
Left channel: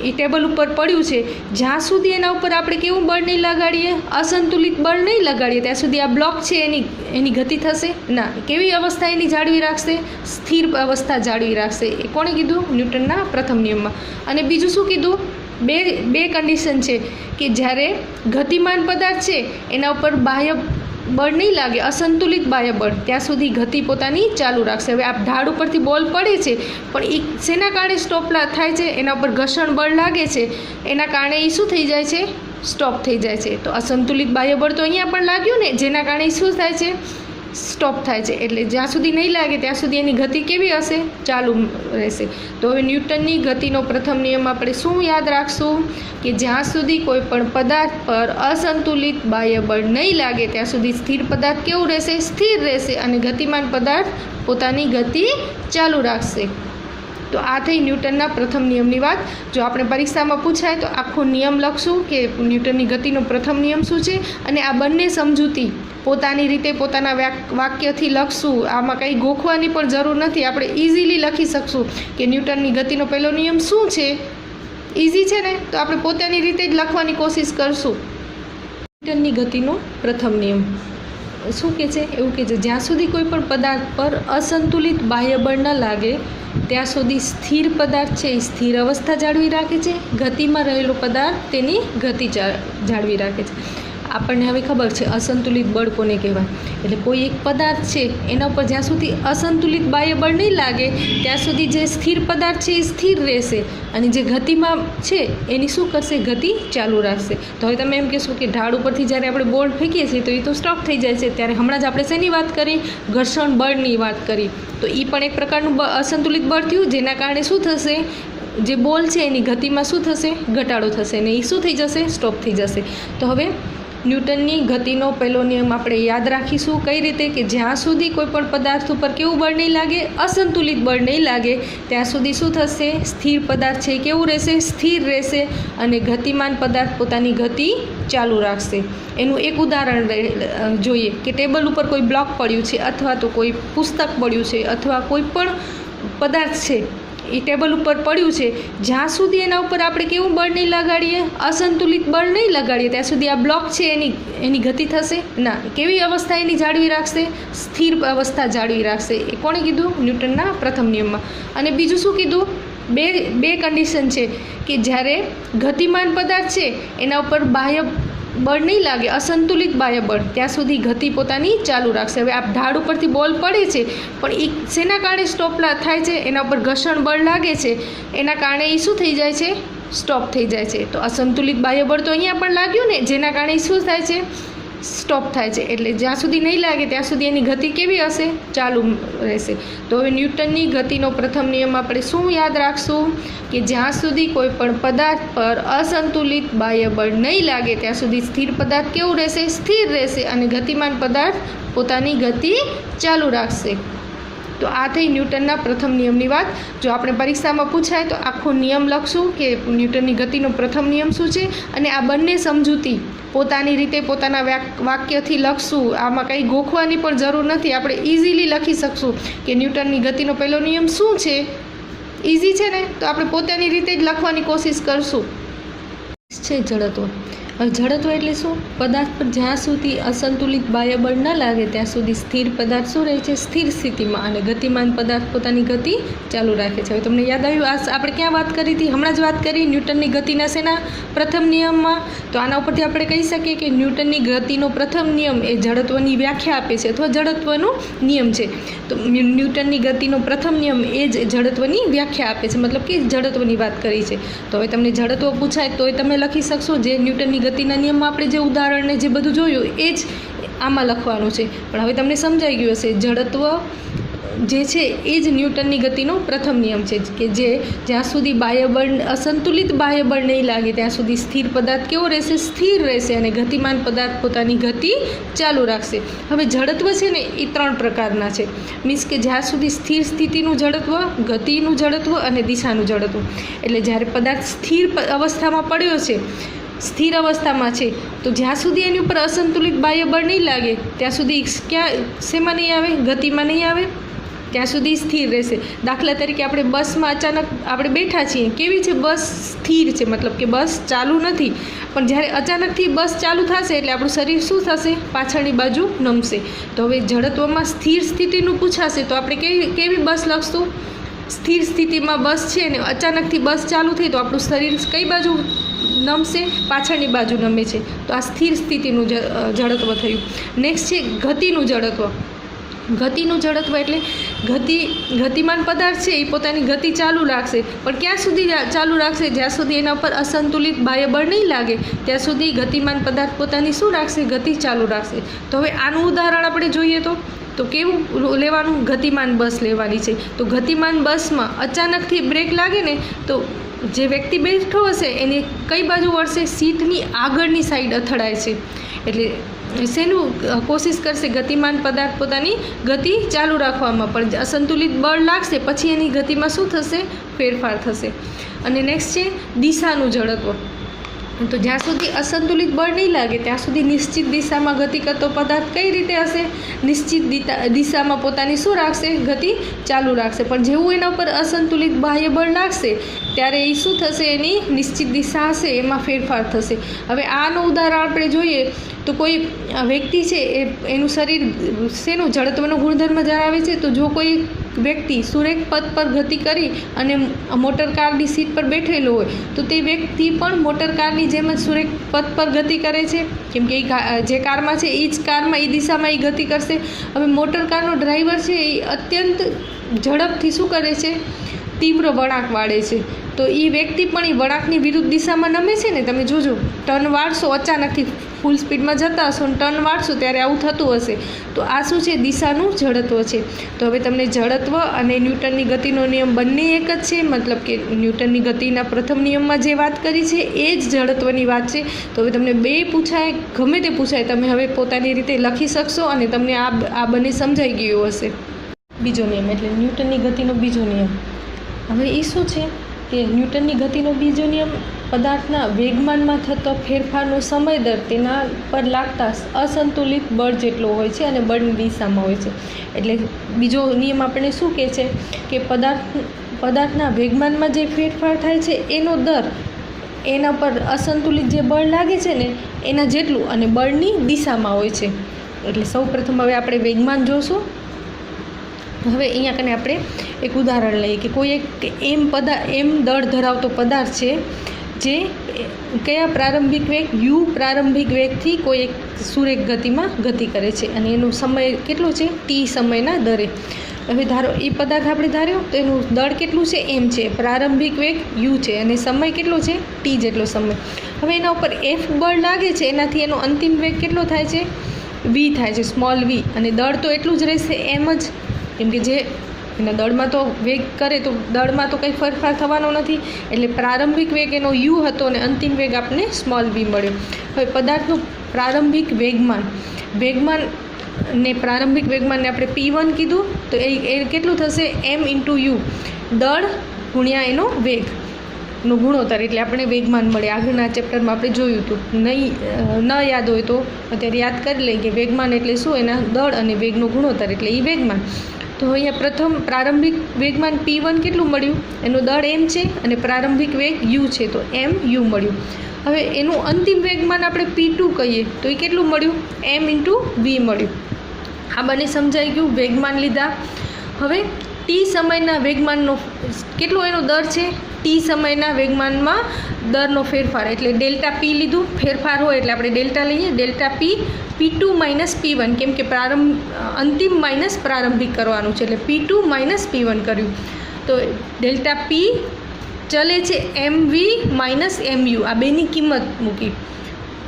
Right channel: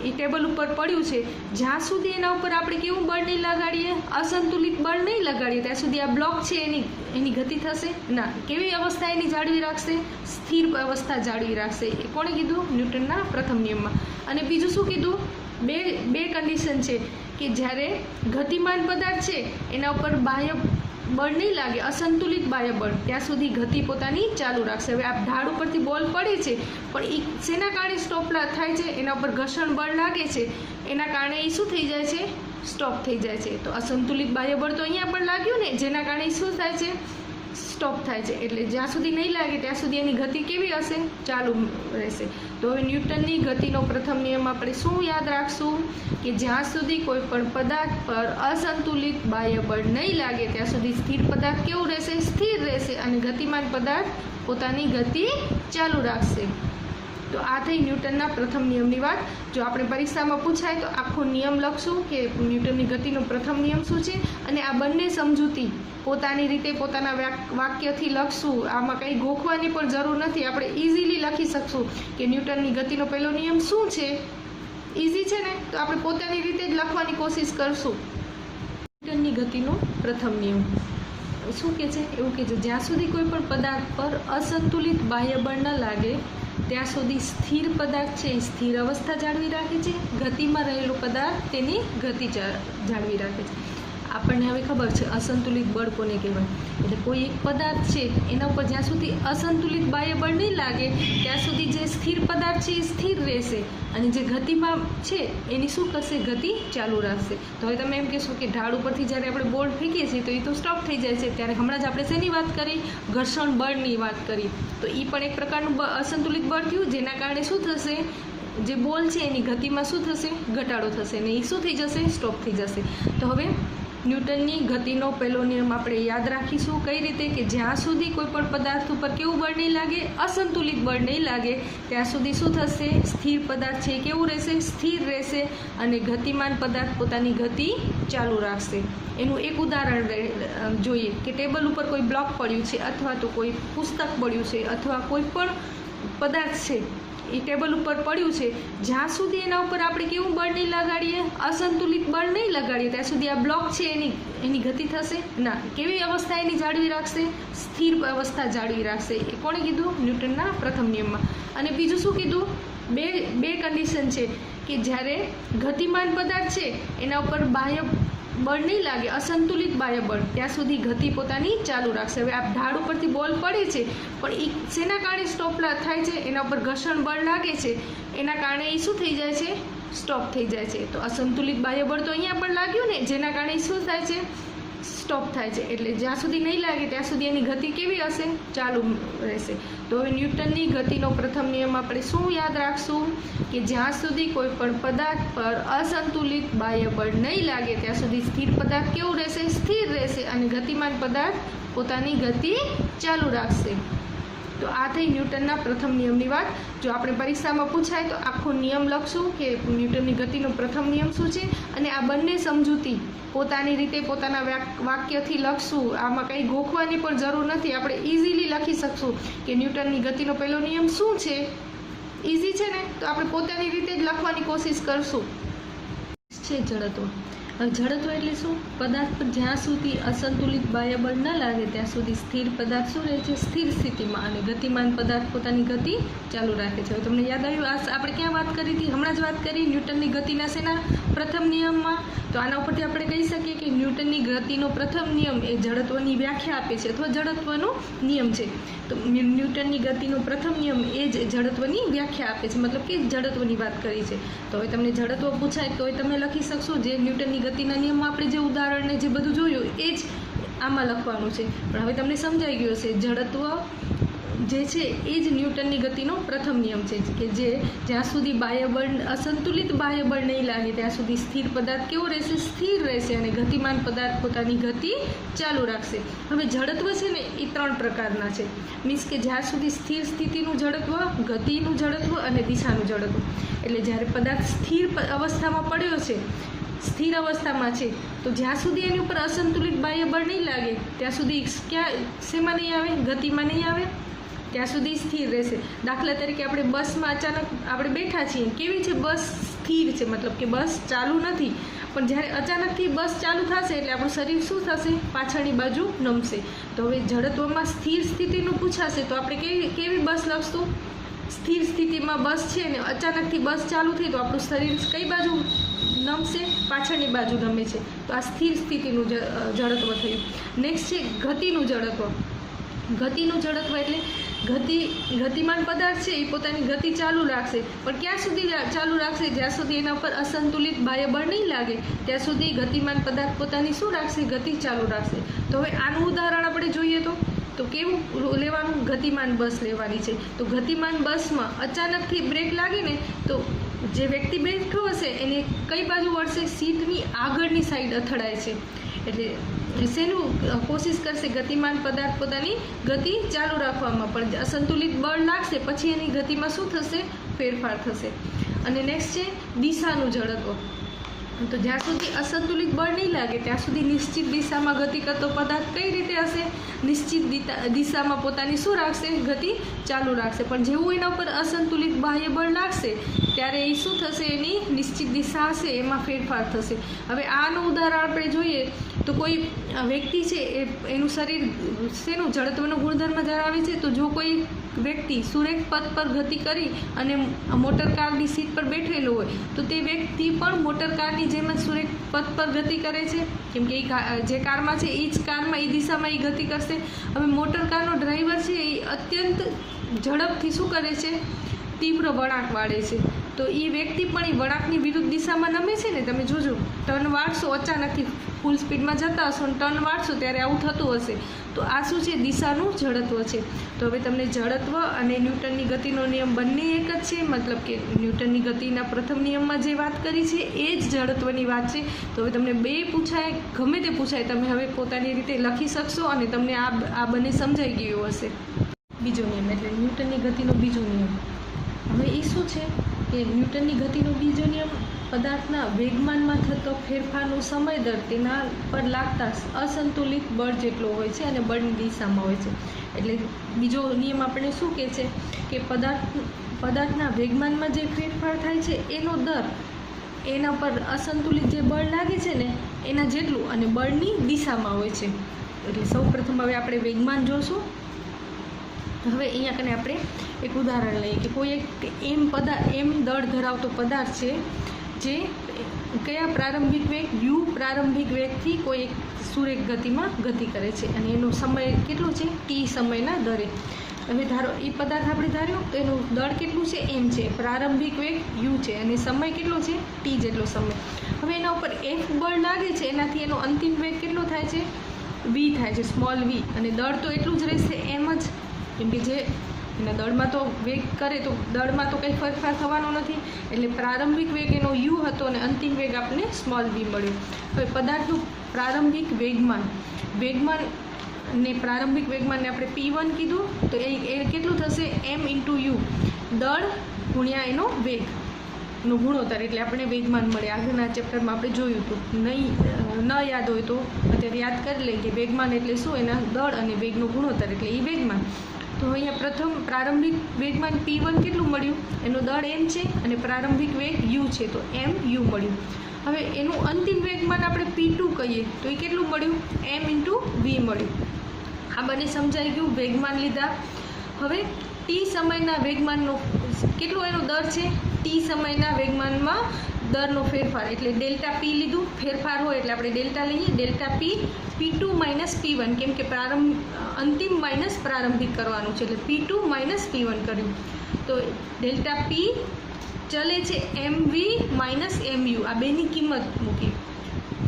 એ ટેબલ ઉપર પડ્યું છે, જ્યાં સુધી એના ઉપર આપણે કેવું બળ નહીં લગાડીએ, અસંતુલિત બળ નહીં લગાડીએ ત્યાં સુધી આ બ્લોક છે એની ગતિ થશે ના. કેવી અવસ્થા એની જાળવી રાખશે, સ્થિર અવસ્થા જાળવી રાખશે. એ કોણે કીધું, ન્યૂટનના પ્રથમ નિયમમાં. અને બીજું શું કીધું, બે કન્ડિશન છે કે જ્યારે ગતિમાન પદાર્થ છે એના ઉપર બાહ્ય બળ નહીં લાગે, અસંતુલિત બાહ્ય બળ, ત્યાં સુધી ગતિ પોતાની ચાલુ રાખશે. હવે આ ઢાળ ઉપરથી બોલ પડે છે પણ એ શેના કારણે સ્ટોપ થાય છે, એના ઉપર ઘર્ષણ બળ લાગે છે, એના કારણે એ શું થઈ જાય છે, સ્ટોપ થઈ જાય છે. તો અસંતુલિત બાહ્ય બળ તો અહીંયા પણ લાગ્યું ને, જેના કારણે શું થાય છે, સ્ટોપ થાય છે. એટલે જ્યાં સુધી નહીં લાગે ત્યાં સુધી એની ગતિ કેવી હશે, ચાલુ રહેશે. તો હવે ન્યૂટનની ગતિનો પ્રથમ નિયમ આપણે શું યાદ રાખશું કે જ્યાં સુધી કોઈ પણ પદાર્થ પર અસંતુલિત બાહ્ય બળ નહીં લાગે ત્યાં સુધી સ્થિર પદાર્થ કેવું રહેશે, સ્થિર રહેશે અને ગતિમાન પદાર્થ પોતાની ગતિ ચાલુ રાખશે. તો આ થઈ ન્યૂટનના પ્રથમ નિયમની વાત. જો આપણે પરીક્ષામાં પૂછાય તો આખો નિયમ લખશું કે ન્યૂટનની ગતિનો પ્રથમ નિયમ શું છે અને આ બંને સમજૂતી પોતાની રીતે પોતાના વાક્યથી લખશું. આમાં કંઈ ગોખવાની પણ જરૂર નથી, આપણે ઇઝીલી લખી શકશું કે ન્યૂટનની ગતિનો પહેલો નિયમ શું છે. ઇઝી છે ને, તો આપણે પોતાની રીતે જ લખવાની કોશિશ કરશું. ન્યૂટનની ગતિનો પ્રથમ નિયમ શું કહે છે, એવું કહે છે, જ્યાં સુધી કોઈ પણ પદાર્થ પર અસંતુલિત બાહ્ય બળ ન લાગે ત્યાં સુધી સ્થિર પદાર્થ છે એ સ્થિર અવસ્થા જાળવી રાખે છે, ગતિમાં રહેલો પદાર્થ તેની ગતિ જાળવી રાખે છે. આપણને હવે ખબર છે અસંતુલિત બળ કોને કહેવાય. એટલે કોઈ એક પદાર્થ છે એના ઉપર જ્યાં સુધી અસંતુલિત બાહ્ય બળ નહીં લાગે ત્યાં સુધી જે સ્થિર પદાર્થ છે એ સ્થિર રહેશે અને જે ગતિમાં છે એની શું કરશે, ગતિ ચાલુ રાખશે. તો હવે તમે એમ કહેશો કે ઢાળ ઉપરથી જ્યારે આપણે બોલ ફેંકીએ છીએ તો એ તો સ્ટોપ થઈ જાય છે. ત્યારે હમણાં જ આપણે શેની વાત કરી, ઘર્ષણ બળની વાત કરી. તો એ પણ એક પ્રકારનું અસંતુલિત બળ થયું, જેના કારણે શું થશે, જે બોલ છે એની ગતિમાં શું થશે, ઘટાડો થશે ને એ શું થઈ જશે, સ્ટોપ થઈ જશે. તો હવે ન્યૂટનની ગતિનો પહેલો નિયમ આપણે યાદ રાખીશું. કઈ રીતે કે જ્યાં સુધી કોઈ પણ પદાર્થ ઉપર કેવું બળ નહીં લાગે, અસંતુલિત બળ નહીં લાગે, ત્યાં સુધી શું થશે, સ્થિર પદાર્થ છે કેવું રહેશે, સ્થિર રહેશે અને ગતિમાન પદાર્થ પોતાની ગતિ ચાલુ રાખશે. એનું એક ઉદાહરણ જોઈએ કે ટેબલ ઉપર કોઈ બ્લોક પડ્યું છે અથવા તો કોઈ પુસ્તક પડ્યું છે અથવા કોઈ પણ પદાર્થ છે એ ટેબલ ઉપર પડ્યું છે, જ્યાં સુધી એના ઉપર આપણે કેવું બળ નહીં લગાડીએ, અસંતુલિત બળ નહીં લગાડીએ, ત્યાં સુધી આ બ્લોક છે એની ગતિ થશે ના. કેવી અવસ્થા એની જાળવી રાખશે, સ્થિર અવસ્થા જાળવી રાખશે. એ કોણે કીધું, ન્યૂટનના પ્રથમ નિયમમાં. અને બીજું શું કીધું, બે કન્ડિશન છે કે જ્યારે ગતિમાન પદાર્થ છે એના ઉપર બાહ્ય બળ નહીં લાગે, અસંતુલિત બાહ્ય બળ, ત્યાં સુધી ગતિ પોતાની ચાલુ રાખશે. હવે આ ઢાળ ઉપરથી બોલ પડે છે પણ એ શેના કારણે સ્ટોપ થાય છે, એના ઉપર ઘર્ષણ બળ લાગે છે, એના કારણે એ શું થઈ જાય છે, સ્ટોપ થઈ જાય છે. તો અસંતુલિત બાહ્ય બળ તો અહીંયા પણ લાગ્યું ને, જેના કારણે શું થાય છે, સ્ટોપ થાય છે. એટલે જ્યાં સુધી નહીં લાગે ત્યાં સુધી એની ગતિ કેવી હશે, ચાલુ રહેશે. તો હવે ન્યૂટનની ગતિનો પ્રથમ નિયમ આપણે શું યાદ રાખશું કે જ્યાં સુધી કોઈ પણ પદાર્થ પર અસંતુલિત બાહ્ય બળ નહીં લાગે ત્યાં સુધી સ્થિર પદાર્થ કેવું રહેશે, સ્થિર રહેશે અને ગતિમાન પદાર્થ પોતાની ગતિ ચાલુ રાખશે. તો આ થઈ ન્યૂટનના પ્રથમ નિયમની વાત. જો આપણે પરીક્ષામાં પૂછાય તો આખો નિયમ લખશું કે ન્યૂટનની ગતિનો પ્રથમ નિયમ શું છે અને આ બંને સમજૂતી પોતાની રીતે પોતાના વાક્યથી લખશું. આમાં કંઈ ગોખવાની પણ જરૂર નથી, આપણે ઇઝીલી લખી શકશું કે ન્યૂટનની ગતિનો પહેલો નિયમ શું છે. ઇઝી છે ને, તો આપણે પોતાની રીતે જ લખવાની કોશિશ કરશું. છે જડત્વ. જડત્વ એટલે શું, પદાર્થ પર જ્યાં સુધી અસંતુલિત બાહ્ય બળ ન લાગે ત્યાં સુધી સ્થિર પદાર્થ શું રહે છે, સ્થિર સ્થિતિમાં અને ગતિમાન પદાર્થ પોતાની ગતિ ચાલુ રાખે છે. હવે તમને યાદ આવ્યું આ આપણે ક્યાં વાત કરી હતી, હમણાં જ વાત કરી ન્યૂટનની ગતિના શેના પ્રથમ નિયમમાં. તો આના ઉપરથી આપણે કહી શકીએ કે ન્યૂટનની ગતિનો પ્રથમ નિયમ એ જડત્વની વ્યાખ્યા આપે છે અથવા જડત્વનો નિયમ છે. તો ન્યૂટનની ગતિનો પ્રથમ નિયમ એ જ જડત્વની વ્યાખ્યા આપે છે, મતલબ કે જડત્વની વાત કરી છે. તો હવે તમને જડત્વ પૂછાય તોય તમે લખી શકશો. જે ન્યૂટનની ગતિના નિયમમાં આપણે જે ઉદાહરણને જે બધું જોયું એ જ આમાં લખવાનું છે. પણ હવે તમને સમજાઈ ગયું હશે, જડત્વ જે છે એ જ ન્યૂટનની ગતિનો પ્રથમ નિયમ છે કે જે જ્યાં સુધી બાહ્ય બળ અસંતુલિત બાહ્ય બળ નહીં લાગે ત્યાં સુધી સ્થિર પદાર્થ કેવો રહેશે, સ્થિર રહેશે અને ગતિમાન પદાર્થ પોતાની ગતિ ચાલુ રાખશે. હવે જડત્વ છે ને એ 3 પ્રકારના છે. મીન્સ કે જ્યાં સુધી સ્થિર સ્થિતિનું જડત્વ, ગતિનું જડત્વ અને દિશાનું જડત્વ. એટલે જ્યારે પદાર્થ સ્થિર અવસ્થામાં પડ્યો છે, સ્થિર અવસ્થામાં છે, તો જ્યાં સુધી એની ઉપર અસંતુલિત બાહ્ય બળ નહીં લાગે ત્યાં સુધી શેમાં નહીં આવે, ગતિમાં નહીં આવે, ત્યાં સુધી સ્થિર રહેશે. દાખલા તરીકે આપણે બસમાં અચાનક આપણે બેઠા છીએ, કેવી છે બસ, સ્થિર છે, મતલબ કે બસ ચાલુ નથી. પણ જ્યારે અચાનકથી બસ ચાલુ થશે એટલે આપણું શરીર શું થશે, પાછળની બાજુ નમશે. તો હવે જડત્વમાં સ્થિર સ્થિતિનું પૂછાશે તો આપણે કેવી બસ લખશું, સ્થિર સ્થિતિમાં બસ છે અને અચાનકથી બસ ચાલુ થઈ તો આપણું શરીર કઈ બાજુ નમશે, પાછળની બાજુ નમે છે. તો આ સ્થિર સ્થિતિનું જડત્વ થયું. નેક્સ્ટ છે ગતિનું જડત્વ. ગતિનું જડત્વ એટલે ગતિમાન પદાર્થ છે એ પોતાની ગતિ ચાલુ રાખશે, પણ ક્યાં સુધી ચાલુ રાખશે, જ્યાં સુધી એના પર અસંતુલિત બાહ્ય બળ નહીં લાગે ત્યાં સુધી ગતિમાન પદાર્થ પોતાની શું રાખશે, ગતિ ચાલુ રાખશે. તો હવે આનું ઉદાહરણ આપણે જોઈએ તો કેવું લેવાનું, ગતિમાન બસ લેવાની છે. તો ગતિમાન બસમાં અચાનકથી બ્રેક લાગે ને તો જે વ્યક્તિ બેઠો હશે એની કઈ બાજુ વળશે, સીટની આગળની સાઈડ અથડાય છે. એટલે શેનું કોશિશ કરશે, ગતિમાન પદાર્થ પોતાની ગતિ ચાલુ રાખવામાં, પણ અસંતુલિત બળ લાગશે પછી એની ગતિમાં શું થશે, ફેરફાર થશે. અને નેક્સ્ટ છે દિશાનું જડત્વ. તો જ્યાં સુધી અસંતુલિત બળ નહીં લાગે ત્યાં સુધી નિશ્ચિત દિશામાં ગતિ કરતો પદાર્થ કઈ રીતે હશે, નિશ્ચિત દિશામાં પોતાની શું રાખશે, ગતિ ચાલુ રાખશે. પણ જેવું એના ઉપર અસંતુલિત બાહ્ય બળ લાગશે ત્યારે એ શું થશે, એની નિશ્ચિત દિશા હશે એમાં ફેરફાર થશે. હવે આનું ઉદાહરણ આપણે જોઈએ તો કોઈ વ્યક્તિ છે એનું શરીર શેનું જડત્વનો ગુણધર્મ ધરાવે છે. તો જો કોઈ વ્યક્તિ સુરેખ પથ પર ગતિ કરી અને મોટર કારની સીટ પર બેઠેલો હોય તો તે વ્યક્તિ પણ મોટર કારની જેમ જ સુરેખ પથ પર ગતિ કરે છે, કેમ કે જે કારમાં છે એ જ કારમાં એ દિશામાં એ ગતિ કરશે. હવે મોટર કારનો ડ્રાઈવર છે એ અત્યંત ઝડપથી શું કરે છે, તીવ્ર વળાંક વાળે છે, તો એ વ્યક્તિ પણ એ વળાંકની વિરુદ્ધ દિશામાં નમે છે ને. તમે જોજો, ટર્ન વાળશો, અચાનકથી ફૂલ સ્પીડમાં જતા હશો અને ટર્ન વાળશો ત્યારે આવું થતું હશે. તો આ શું છે, દિશાનું જડત્વ છે. તો હવે તમને જડત્વ અને ન્યૂટનની ગતિનો નિયમ બંને એક જ છે, મતલબ કે ન્યૂટનની ગતિના પ્રથમ નિયમમાં જે વાત કરી છે એ જ જડત્વની વાત છે. તો હવે તમને બે પૂછાય, ગમે તે પૂછાય, તમે હવે પોતાની રીતે લખી શકશો અને તમને આ બંને સમજાઈ ગયું હશે. બીજો નિયમ એટલે ન્યૂટનની ગતિનો બીજો નિયમ. હવે એ શું છે કે ન્યૂટનની ગતિનો બીજો નિયમ પદાર્થના વેગમાનમાં થતો ફેરફારનો સમય દર તેના પર લાગતા અસંતુલિત બળ જેટલો હોય છે અને બળની દિશામાં હોય છે. એટલે બીજો નિયમ આપણે શું કહે છે કે પદાર્થના વેગમાનમાં જે ફેરફાર થાય છે એનો દર એના પર અસંતુલિત જે બળ લાગે છે ને એના જેટલું અને બળની દિશામાં હોય છે. એટલે સૌપ્રથમ હવે આપણે વેગમાન જોશું. હવે અહીંયા કને આપણે એક ઉદાહરણ લઈએ કે કોઈ એક એમ દળ ધરાવતો પદાર્થ છે જે કયા પ્રારંભિક વેગ યુ પ્રારંભિક વેગથી કોઈ એક સુરેખ ગતિમાં ગતિ કરે છે અને એનો સમય કેટલો છે, ટી સમયના દરે. હવે ધારો એ પદાર્થ આપણે ધાર્યો તો એનું દળ કેટલું છે, એમ છે, પ્રારંભિક વેગ યુ છે અને સમય કેટલો છે, ટી જેટલો સમય. હવે એના ઉપર એફ બળ લાગે છે, એનાથી એનો અંતિમ વેગ કેટલો થાય છે, વી થાય છે, સ્મોલ વી, અને દળ તો એટલું જ રહેશે એમ જ, કેમ કે જે એના દળમાં તો વેગ કરે તો દળમાં તો કંઈ ફેરફાર થવાનો નથી. એટલે પ્રારંભિક વેગ એનો યુ હતો અને અંતિમ વેગ આપણને સ્મોલ વી મળ્યો. હવે પદાર્થનું પ્રારંભિક વેગમાન ને પ્રારંભિક વેગમાનને આપણે P1 કીધું તો એ કેટલું થશે, એમ ઇન્ટુ યુ, દળ ગુણ્યા એનો વેગનો ગુણોત્તર, એટલે આપણે વેગમાન મળે. આગળના ચેપ્ટરમાં આપણે જોયું હતું, ન યાદ હોય તો અત્યારે યાદ કરી લઈએ કે વેગમાન એટલે શું, એના દળ અને વેગનો ગુણોત્તર એટલે એ વેગમાન. તો અહીંયા પ્રથમ પ્રારંભિક વેગમાન P1 કેટલું મળ્યું, એનો દળ એમ છે અને પ્રારંભિક વેગ યુ છે તો એમ યુ મળ્યું. હવે એનું અંતિમ વેગમાન આપણે P2 કહીએ તો એ કેટલું મળ્યું, એમ ઇન્ટુ વી મળ્યું. આ બંને સમજાઈ ગયું, વેગમાન લીધા. હવે ટી સમયના વેગમાનનો કેટલો એનો દર છે, ટી સમયના વેગમાનમાં દરનો ફેરફાર એટલે ડેલ્ટા પી લીધું, ફેરફાર હોય એટલે આપણે ડેલ્ટા લઈએ, ડેલ્ટા પી P2 માઇનસ P1, કેમ કે અંતિમ માઇનસ પ્રારંભિક કરવાનું છે એટલે P2 માઇનસ P1 કર્યું. તો ડેલ્ટા પી ચલે છે MV માઇનસ MU, આ બેની કિંમત મૂકી.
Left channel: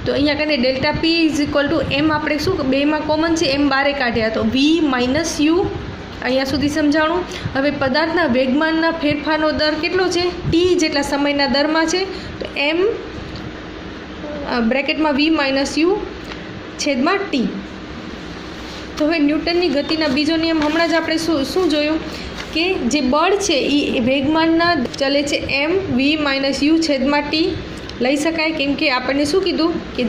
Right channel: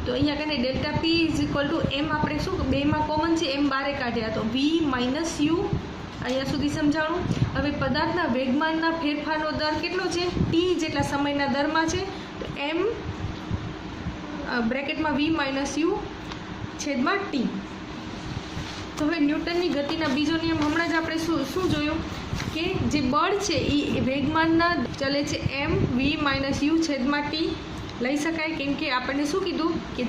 તો અહીંયા કને delta P is equal to M, આપણે શું બેમાં કોમન છે એમ બારે કાઢ્યા તો વી માઇનસ યુ. અહીંયા સુધી સમજાણું. હવે પદાર્થના વેગમાનના ફેરફારનો દર કેટલો છે, ટી જેટલા સમયના દરમાં છે તો એમ બ્રેકેટમાં વી માઇનસ યુ છેદમાં ટી. તો હવે ન્યૂટનની ગતિના બીજો નિયમ હમણાં જ આપણે શું જોયું કે જે બળ છે એ વેગમાનના ચલે છે એમ વી માઇનસ યુ છેદમાં ટી લઈ શકાય, કેમ કે આપણને શું કીધું કે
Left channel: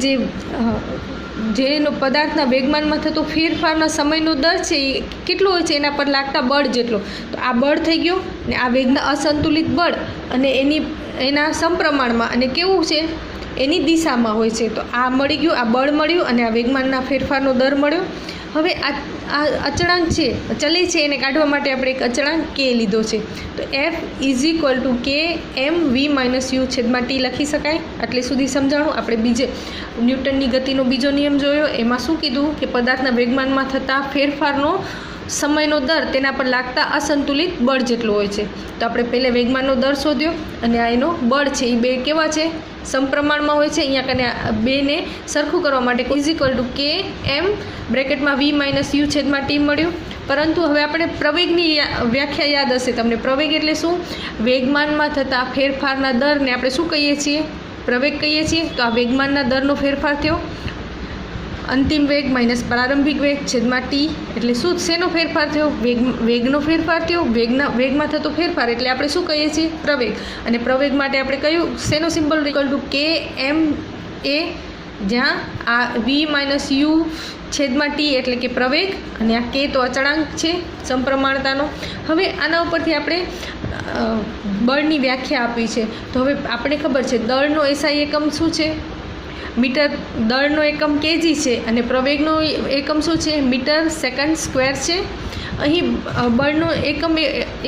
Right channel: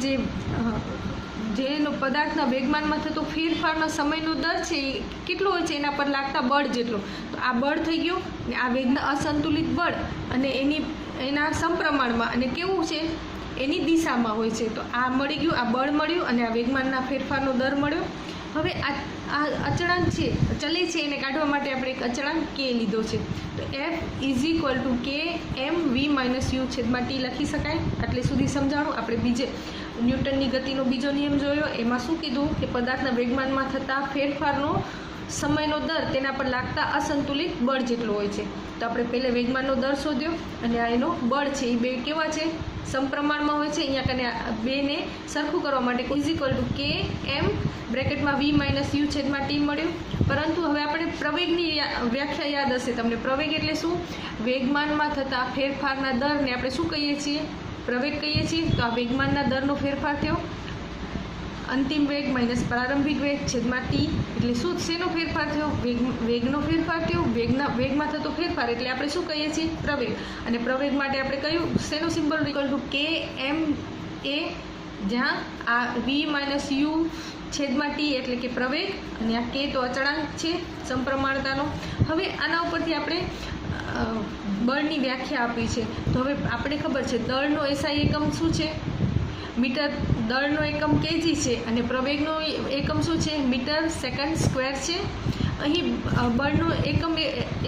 જેનો પદાર્થના વેગમાનમાં થતો ફેરફારના સમયનો દર છે એ કેટલો હોય છે એના પર લાગતા બળ જેટલો. તો આ બળ થઈ ગયો ને આ વેગના અસંતુલિત બળ અને એના સમપ્રમાણમાં અને કેવું છે એની દિશામાં હોય છે. તો આ મળી ગયું, આ બળ મળ્યું અને આ વેગમાનના ફેરફારનો દર મળ્યો. હવે આ અચળાંક છે ચલે છે એને કાઢવા માટે આપણે એક અચળાંક કે લીધો છે તો એફ ઇઝ ઇક્વલ ટુ કે એમ વી માઇનસ યુ છેદમાં ટી લખી શકાય. એટલે સુધી સમજાણું. આપણે ન્યૂટનની ગતિનો બીજો નિયમ જોયો, એમાં શું કીધું કે પદાર્થના વેગમાનમાં થતા ફેરફારનો સમયનો દર તેના પર લાગતા અસંતુલિત બળ જેટલો હોય છે. તો આપણે પહેલાં વેગમાનનો દર શોધ્યો અને આ એનો બળ છે એ બે કેવા છે, સમપ્રમાણમાં હોય છે. અહીંયા કને બેને સરખું કરવા માટે ઇઝ ઇક્વલ ટુ કે એમ બ્રેકેટમાં વી માઇનસ યુ છેદમાં ટી મળ્યું. પરંતુ હવે આપણે પ્રવેગની વ્યાખ્યા યાદ હશે તમને. પ્રવેગ એટલે શું, વેગમાનમાં થતા ફેરફારના દરને આપણે શું કહીએ છીએ, પ્રવેગ કહીએ છીએ. તો આ વેગમાનના દરનો ફેરફાર થયો, અંતિમ વેગ માઇનસ પ્રારંભિક વેગ છેદમાં ટી એટલે શું, શેનો ફેરફાર થયો, વેગનો ફેરફાર થયો. વેગમાં થતો ફેરફાર એટલે આપણે શું કહીએ છીએ, પ્રવેગ. અને પ્રવેગ માટે આપણે કયું શેનો સિમ્બોલ ઇક્વલ ટુ કે એમ એ, જ્યાં આ વી માઇનસ યુ છેદમાં ટી એટલે કે પ્રવેગ અને આ કે તો અચળાંક છે સમપ્રમાણતાનો. હવે આના ઉપરથી આપણે બળની વ્યાખ્યા આપી છે. તો હવે આપણે ખબર છે દળનો એસઆઈ એકમ શું છે, મીટર. દળનો એકમ કેજી છે અને પ્રવેગનો એકમ શું છે, મીટર સેકન્ડ સ્ક્વેર છે. અહીં બળનો એકમ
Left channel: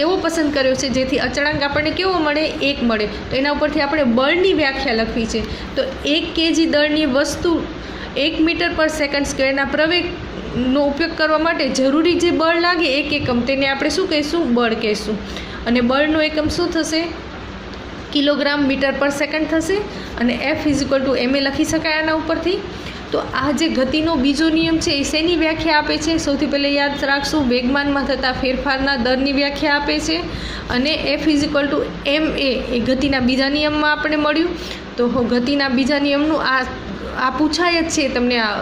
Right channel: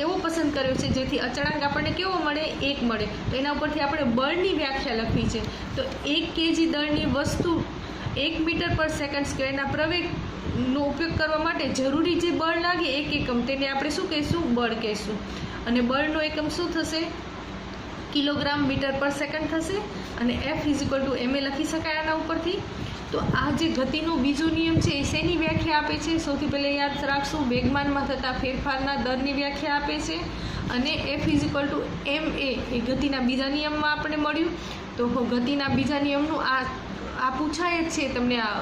એવો પસંદ કર્યો છે જેથી અચળાંક આપણને કેવો મળે, 1 મળે. તો એના ઉપરથી આપણે બળની વ્યાખ્યા લખવી છે. તો 1 kg દળની વસ્તુ 1 મીટર પર સેકન્ડ સ્ક્વેરના પ્રવેગનો ઉપયોગ કરવા માટે જરૂરી જે બળ લાગે 1 એકમ, તેને આપણે શું કહીશું, બળ કહીશું. અને બળનો એકમ શું થશે, કિલોગ્રામ મીટર પર સેકન્ડ થશે. અને F = ma લખી શકાય આના ઉપરથી. તો આ જે ગતિનો બીજો નિયમ છે એ શેની વ્યાખ્યા આપે છે, સૌથી પહેલાં યાદ રાખશું, વેગમાનમાં થતા ફેરફારના દરની વ્યાખ્યા આપે છે. અને F = ma એ ગતિના બીજા નિયમમાં આપણે મળ્યું. તો ગતિના બીજા નિયમનું આ પૂછાય જ છે, તમને આ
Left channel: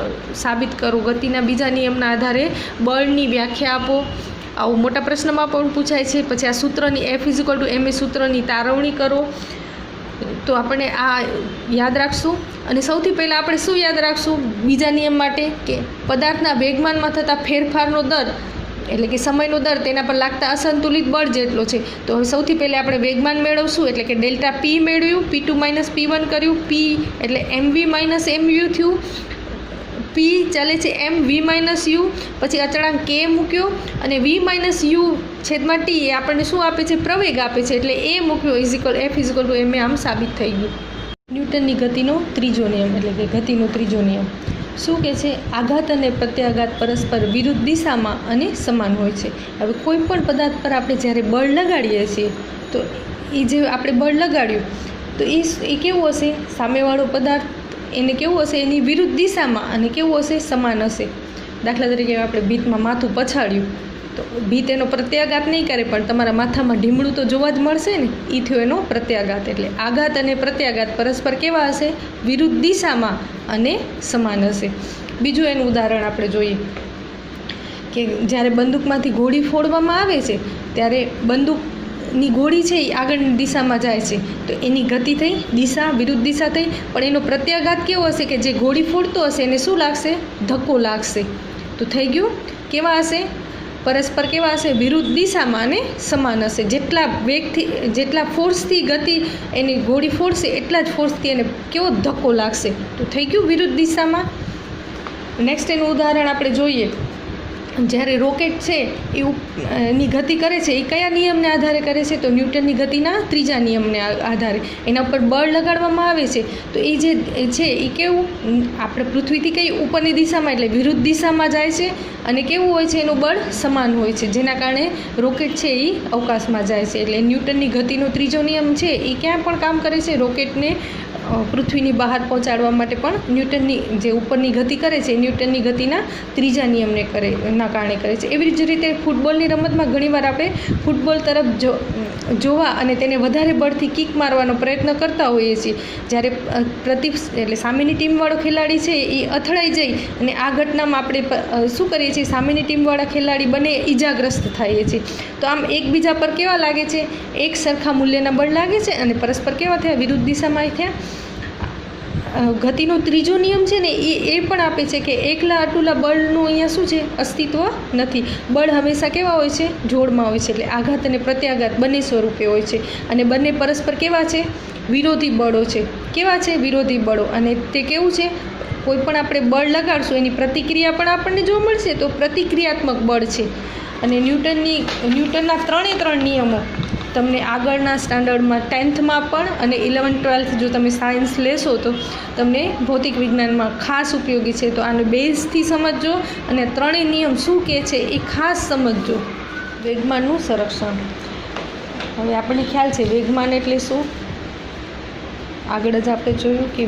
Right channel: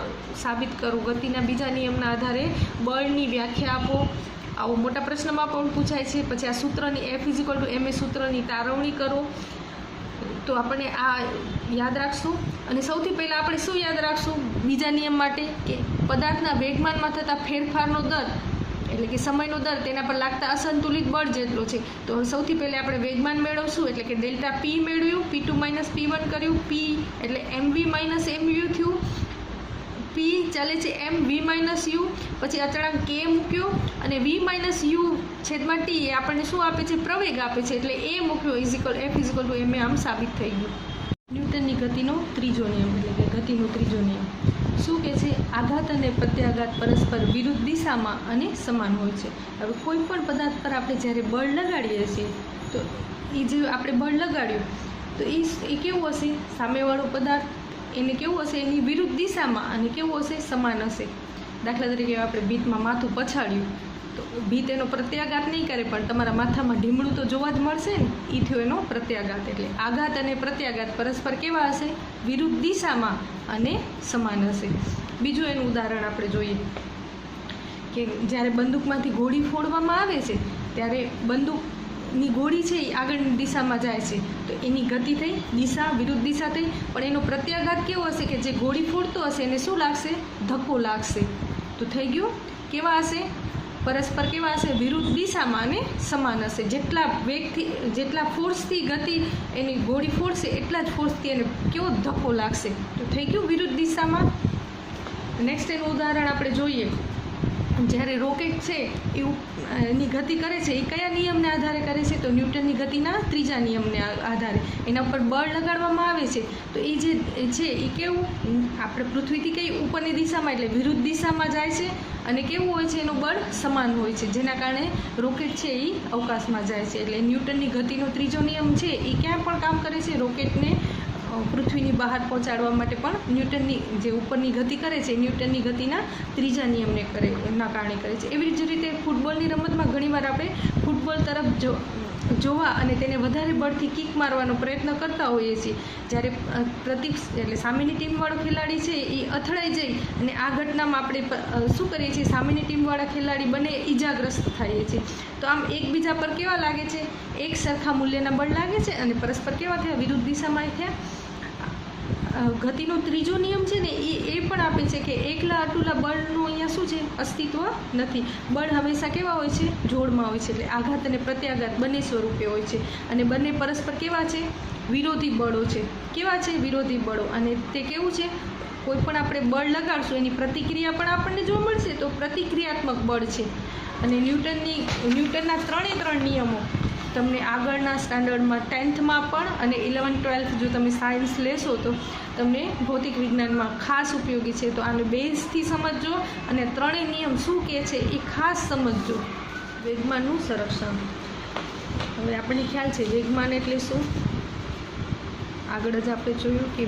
સાબિત કરો, ગતિના બીજા નિયમના આધારે બળની વ્યાખ્યા આપો. આવું મોટા પ્રશ્નમાં પણ પૂછાય છે. પછી આ સૂત્રની F = ma સૂત્રની તારવણી કરો. તો આપણે આ યાદ રાખશું. અને સૌથી પહેલાં આપણે શું યાદ રાખશું બીજા નિયમ માટે, કે પદાર્થના વેગમાનમાં થતા ફેરફારનો દર એટલે કે સમયનો દર તેના પર લાગતા અસંતુલિત બળ જેટલો છે. તો હવે સૌથી પહેલાં આપણે વેગમાન મેળવશું, એટલે કે ડેલ્ટા P મેળવ્યું, P2 - P1 કર્યું, P એટલે mv - mu થયું, P ચાલે છે mv - u, પછી અચળાંક K મૂક્યો, અને v - u છેદમાં T એ આપણને શું આપે છે, પ્રવેગ આપે છે, એટલે એ મૂક્યો F = ma. આમ સાબિત થઈ ગયું. ન્યૂટનની ગતિનો ત્રીજો નિયમ એટલે કે ગતિનો ત્રીજો નિયમ શું કહે છે, આઘાત અને પ્રત્યાઘાત પરસ્પર વિરુદ્ધ દિશામાં અને સમાન હોય છે. હવે કોઈ પણ પદાર્થ પર આપણે જ્યારે બળ લગાડીએ છીએ તો એ જે આપણે બળ લગાડ્યું તો એ કેવું હશે, સામેવાળો પદાર્થ એને કેવું હશે, એની વિરુદ્ધ દિશામાં, અને કેવું હશે, સમાન હશે. દાખલા તરીકે આપણે ભીતમાં માથું પછાડ્યું તો ભીત એનો પ્રત્યાઘાત નહીં કરે, પણ તમારા માથામાં ઢીમડું તો જોવા જ મળશે ને, એ થયો એનો પ્રત્યાઘાત. એટલે આઘાત અને પ્રત્યાઘાત પરસ્પર કેવા હશે, વિરુદ્ધ દિશામાં અને સમાન હશે. બીજું એનું ઉદાહરણ આપણે જોઈએ કે જ્યારે બંદૂકમાંથી ગોળી ફોડવામાં આવે છે ત્યારે બંદૂકની ગોળી છે એ આગળની દિશામાં જાય છે, તો એની ગતિ થઈ, દિશા વિરુદ્ધ દિશા થઈ, પણ એનો પ્રત્યાઘાત કેવો હશે કે જે ગોળી ફોડતો હશે એને શું લાગશે, ધક્કો લાગશે. તો થઈ ગયું, કેવા હશે, પરસ્પર કેવા હશે, વિરુદ્ધ દિશામાં અને સમાન હશે. જેટલા વેગથી, જેટલા ફોર્સથી ગતિ એની ગોળી ફોડશે એટલા જ ફોર્સથી એને કેવો ધક્કો લાગશે. તો થઈ ગયું વિરુદ્ધ દિશામાં. નેક્સ્ટ એનું ઉદાહરણ આપણે જોઈએ, જ્યારે રોકેટ છે એની ગતિ કરે છે એ કયા નિયમને આધારે કરે છે, તો ન્યૂટનની ગતિના ત્રીજા નિયમને આધારે. એના ઉપર બળ લગાડવામાં આવે છે તો એ જે છે એ કેવું, આપણે પૃથ્વીથી કઈ ઉપરની દિશામાં એટલે વિરુદ્ધ દિશામાં જાય છે, અને કેવું હોય છે, એનું બળ સમાન હોય છે, જેના કારણે રોકેટ છે એ અવકાશમાં જાય છે. એટલે ન્યૂટનની ગતિનો ત્રીજો નિયમ છે એ ક્યાં પણ કામ કરે છે, રોકેટને પૃથ્વીની બહાર પહોંચાડવા માટે પણ ન્યૂટનની જે ઉપરની ગતિ કરે છે ન્યૂટનની ગતિના ત્રીજા નિયમને ના કારણે કરે છે. એવી જ રીતે ફૂટબોલની રમતમાં ઘણીવાર આપણે ફૂટબોલ તરફ જોવા અને તેને વધારે બળથી કિક મારવાનો પ્રયત્ન કરતા હોઈએ છીએ. જ્યારે એટલે સામેની ટીમવાળો ખેલાડી છે એ અથડાઈ જાય અને આ ઘટનામાં આપણે શું કરીએ છીએ, સામેની ટીમવાળા ખેલાડી બંને ઈજાગ્રસ્ત થઈએ છીએ. તો આમ એકબીજા પર કેવા લાગે છે, એક સરખા મૂલ્યના બળ લાગે છે અને પરસ્પર કેવા થયા, વિરુદ્ધ દિશામાં થયા. ગતિનો ત્રીજો નિયમ છે ને એ પણ આપે છે કે એકલા અટુલા બળનું અહીંયા શું છે, અસ્તિત્વ નથી. બળ હંમેશા કેવા હોય છે, જોડમાં હોય છે. એટલે આઘાત અને પ્રત્યાઘાત બંને સ્વરૂપે હોય છે, અને બંને પરસ્પર કેવા છે, વિરોધી બળો છે. કેવા છે, વિરોધી બળો. અને તે કેવું છે, કોઈ પણ આપણે બળ લગાડશું એની પ્રતિક્રિયા પણ આપણને જોવા મળશે, તો પ્રતિક્રિયાત્મક બળ છે. અને ન્યૂટનના 3 નિયમો તમને આગળના સ્ટાન્ડર્ડમાં 10થમાં પણ અને 11th-12th જો તમે સાયન્સ લેશો તો તમને ભૌતિક વિજ્ઞાનમાં ખાસ ઉપયોગી છે. તો આને બેઝથી સમજજો અને 3 નિયમ શું કહે છે એ ખાસ સમજજો. વેગમાનનું સંરક્ષણ. હવે આપણને ખ્યાલ છે વેગમાન એટલે શું, આગળ જ આપણે જોયું કે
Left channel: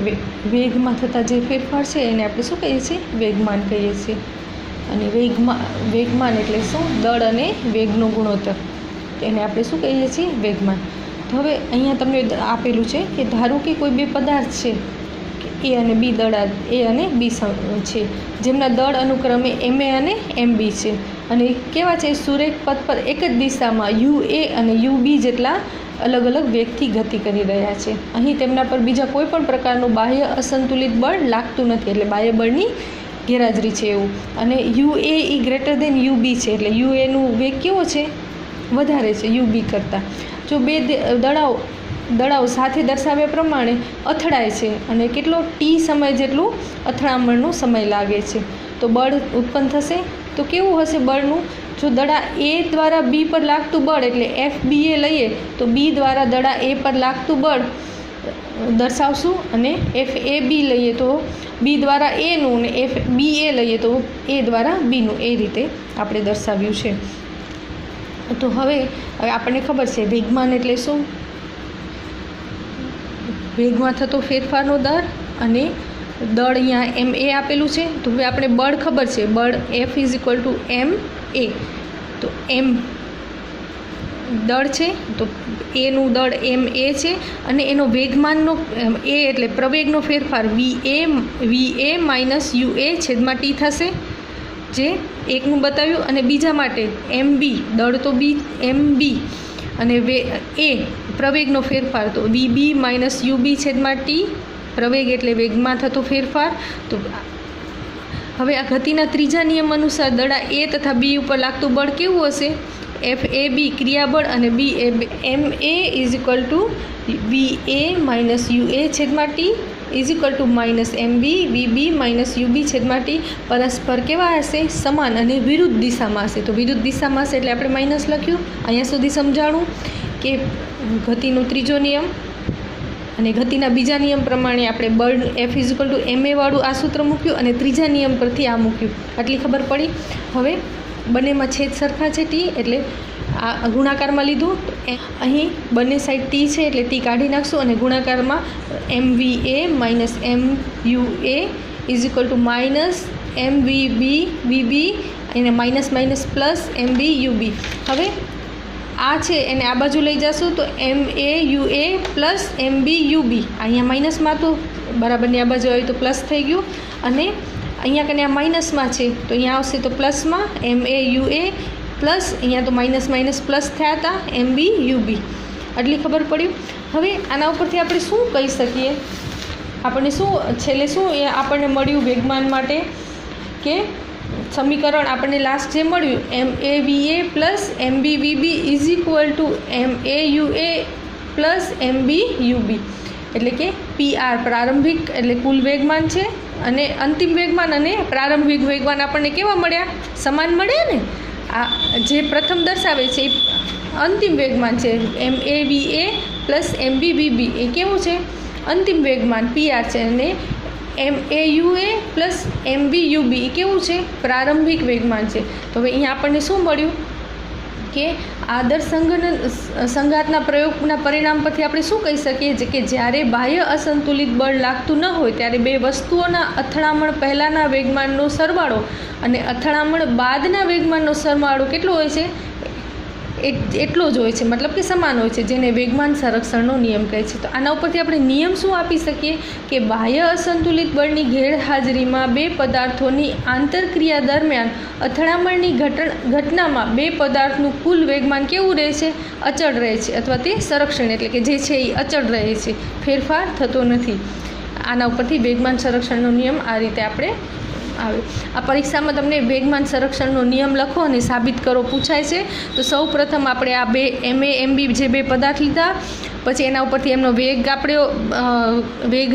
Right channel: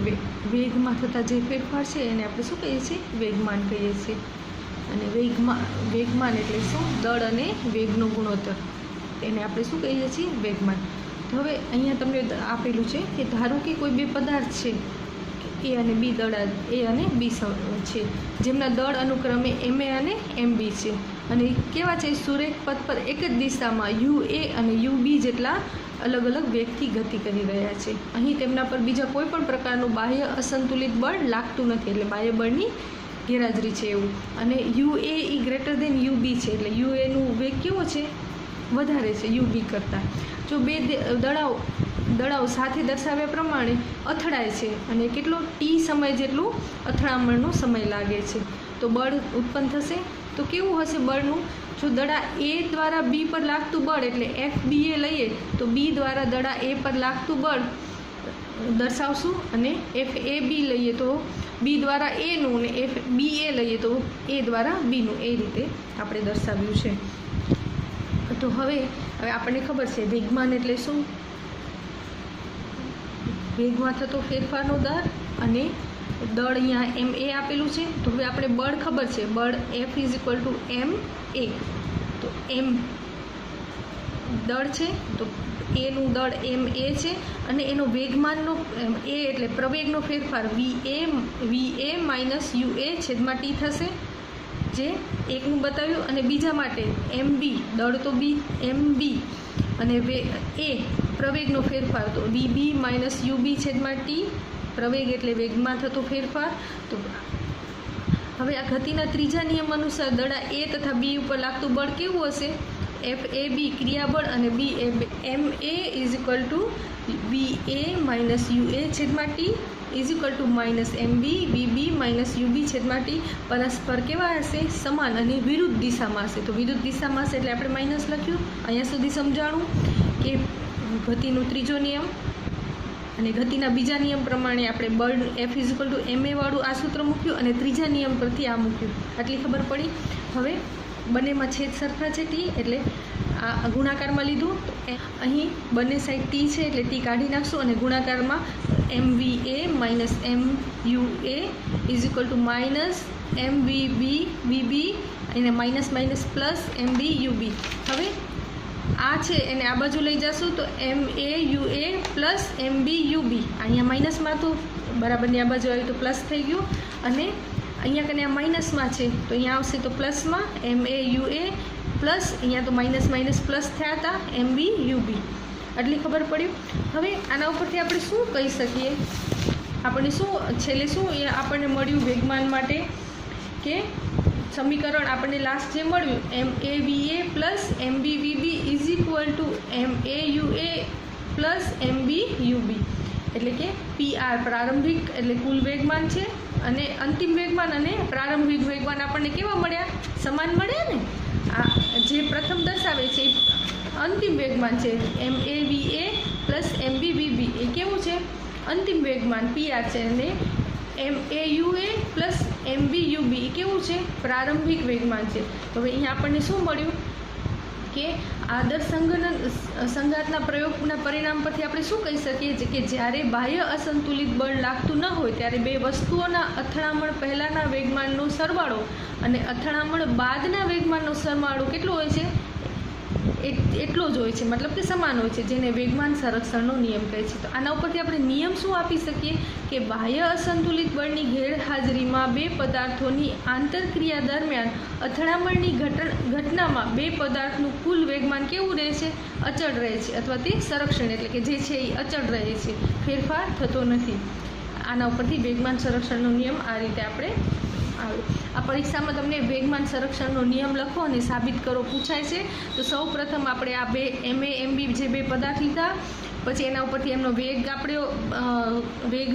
વેગમાં થતા જે ફેરફાર છે એને આપણે શું કહીએ છીએ, વેગમાન કહીએ છીએ. અને વેગમાન એટલે શું, દળ અને વેગનો ગુણોત્તર, એને આપણે શું કહીએ છીએ, વેગમાન. તો હવે અહીંયા તમને આપેલું છે કે ધારો કે કોઈ બે પદાર્થ છે, એ અને બી દળ, એ અને બી છે, જેમના દળ અનુક્રમે ma અને mb છે, અને કેવા છે, સુરેખ પથ પર એક જ દિશામાં ua અને ub જેટલા અલગ અલગ વેગથી ગતિ કરી રહ્યા છે. અહીં તેમના પર બીજા કોઈ પણ પ્રકારનું બાહ્ય અસંતુલિત બળ લાગતું નથી, એટલે બાહ્ય બળની ગેરહાજરી છે એવું. અને ua એ ગ્રેટર દેન ub છે, એટલે uaનું વેગ કેવો છે, વધારે છે ub કરતાં. જો બે દડાઓ સાથે દર્શાવ્યા પ્રમાણે અથડાય છે અને કેટલો t સમય જેટલું અથડામણનો સમય લાગે છે, તો બળ ઉત્પન્ન થશે. તો કેવું હશે બળનું, જો દડા એ દ્વારા બી પર લાગતું બળ એટલે FBA લઈએ તો બી દ્વારા દડા એ પર લાગતું બળ દર્શાવશું, અને FAB લઈએ તો બી દ્વારા એનું, અને FBA લઈએ તો એ દ્વારા બીનું, એ રીતે આપણે દર્શાવ્યું છે. તો હવે આપણને ખબર છે વેગમાન એટલે શું, વેગમાં થતો ફેરફારનો દર, અને દળ અહીંયા MA આપેલું છે. તો હવે આપણે બળ ખબર છે, બળ F = ma. તો M દળ છે, તો એનું દળ MA છે, અને એનો વેગમાનનો એ એટલે પ્રવેગનો ફેરફાર VA માઇનસ UA છેદમાં T થશે, જે એકનું બતાવ્યું. અને બીજા માટે MB દળ તો MB, અને એ પ્રવેગનો ફેરફાર તો VB માઇનસ UB છેદમાં T, પ્રવેગ એટલે વેગમાં થતો ફેરફાર. તો હવે આ ગતિના ત્રીજા નિયમ અનુસાર દડા એ તથા બી ઉપર લાગતું બળ કેવું હશે, FAB ક્રિયાબળ, અને MA = VA માઇનસ UA છેદમાં T = -MB VB minus UB છેદમાં T. પરસ્પર કેવા હશે, સમાન અને વિરુદ્ધ દિશામાં હશે. તો વિરુદ્ધ દિશામાં હશે એટલે આપણે માઇનસ લખ્યું. અહીંયા સુધી સમજાણું કે ગતિનો ત્રીજો નિયમ, અને ગતિના બીજા નિયમ પ્રમાણે આપણે બળ F = ma વાળું આ સૂત્ર મૂક્યું, અને ત્રીજા નિયમ પરથી આ મૂક્યું. આટલી ખબર પડી. હવે બંનેમાં છેદ સરખા છે T, એટલે આ ગુણાકારમાં લીધું. તો અહીં બંને સાઈડ T છે એટલે T કાઢી નાખશું, અને ગુણાકારમાં MVA minus MUA = -MVB VB, એને minus minus plus MB UB. હવે આ છે એને આ બાજુ લઈ જશું તો MAUA પ્લસ MB UB. અહીંયા માઇનસમાં તો બરાબરની આ બાજુ આવી તો પ્લસ થઈ ગયું, અને અહીંયા કને આ માઇનસમાં છે તો અહીંયા આવશે તો પ્લસમાં MAUA પ્લસ, અહીંયા તો માઇનસ માઇનસ પ્લસ થયા હતા MB UB. આટલી ખબર પડી. હવે આના ઉપરથી આપણે શું કહી શકીએ, આપણને શું છેલ્લે શું આપણને મળ્યું વેગમાન માટે, કે સમીકરણ આપણને લાસ્ટ જે મળ્યું MAVA plus MB VB = MAUA plus MB UB, એટલે કે PR પ્રારંભિક એટલે કુલ વેગમાન છે, અને અંતિમ વેગમાન અને પ્રારંભિક વેગમાન આપણને કેવા મળ્યા, સમાન મળ્યા ને. આ જે પ્રથમ દર્શાવે છે એ અંતિમ વેગમાન છે, MAVA પ્લસ MB VB એ કેવું છે, અંતિમ વેગમાન PR છે, અને MAUA પ્લસ MB UB એ કેવું છે, પ્રારંભિક વેગમાન છે. તો હવે અહીંયા આપણને શું મળ્યું કે આદર્શ સંઘાતના પ્રયોગના પરિણામ પરથી આપણે શું કહી શકીએ કે જ્યારે બાહ્ય અસંતુલિત બળ લાગતું ન હોય ત્યારે બે વસ્તુઓના અથડામણ પહેલાંના વેગમાનનો સરવાળો અને અથડામણ બાદના વેગમાનનો સરવાળો કેટલો હોય છે, એટલો જ હોય છે, મતલબ કે સમાન હોય છે, જેને વેગમાન સંરક્ષણનો નિયમ કહે છે. તો આના ઉપરથી આપણે નિયમ શું આપી શકીએ કે બાહ્ય અસંતુલિત બળની ગેરહાજરીમાં બે પદાર્થોની આંતરક્રિયા દરમિયાન અથડામણની ઘટનામાં બે પદાર્થનું કુલ વેગમાન કેવું રહે છે, અચળ રહે છે, અથવા તે સંરક્ષણ એટલે કે જે છે એ અચળ રહે છે, ફેરફાર થતો નથી. આના ઉપરથી વેગમાન સંરક્ષણનો નિયમ આ રીતે આપણે આવે. આ પરીક્ષામાં તમને વેગમાન સંરક્ષણનો નિયમ લખો અને સાબિત કરો પૂછાય છે. તો સૌ પ્રથમ આપણે આ બે MA MB જે બે પદાર્થ લીધા, પછી એના ઉપરથી એમનો વેગ આપણે વેગ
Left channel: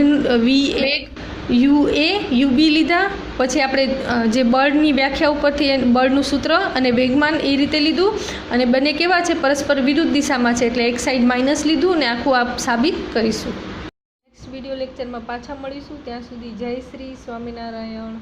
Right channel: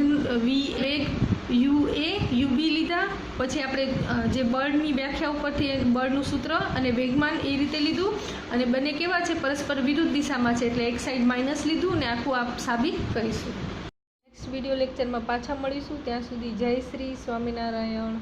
UA UB લીધા, પછી આપણે જે બળની વ્યાખ્યા ઉપરથી બળનું સૂત્ર અને વેગમાન એ રીતે લીધું, અને બંને કેવા છે, પરસ્પર વિરુદ્ધ દિશામાં છે, એટલે એક સાઈડ માઇનસ લીધું, અને આખું આપ સાબિત કરીશું. નેક્સ્ટ વિડીયો લેક્ચરમાં પાછા મળીશું. ત્યાં સુધી જય શ્રી સ્વામિનારાયણ.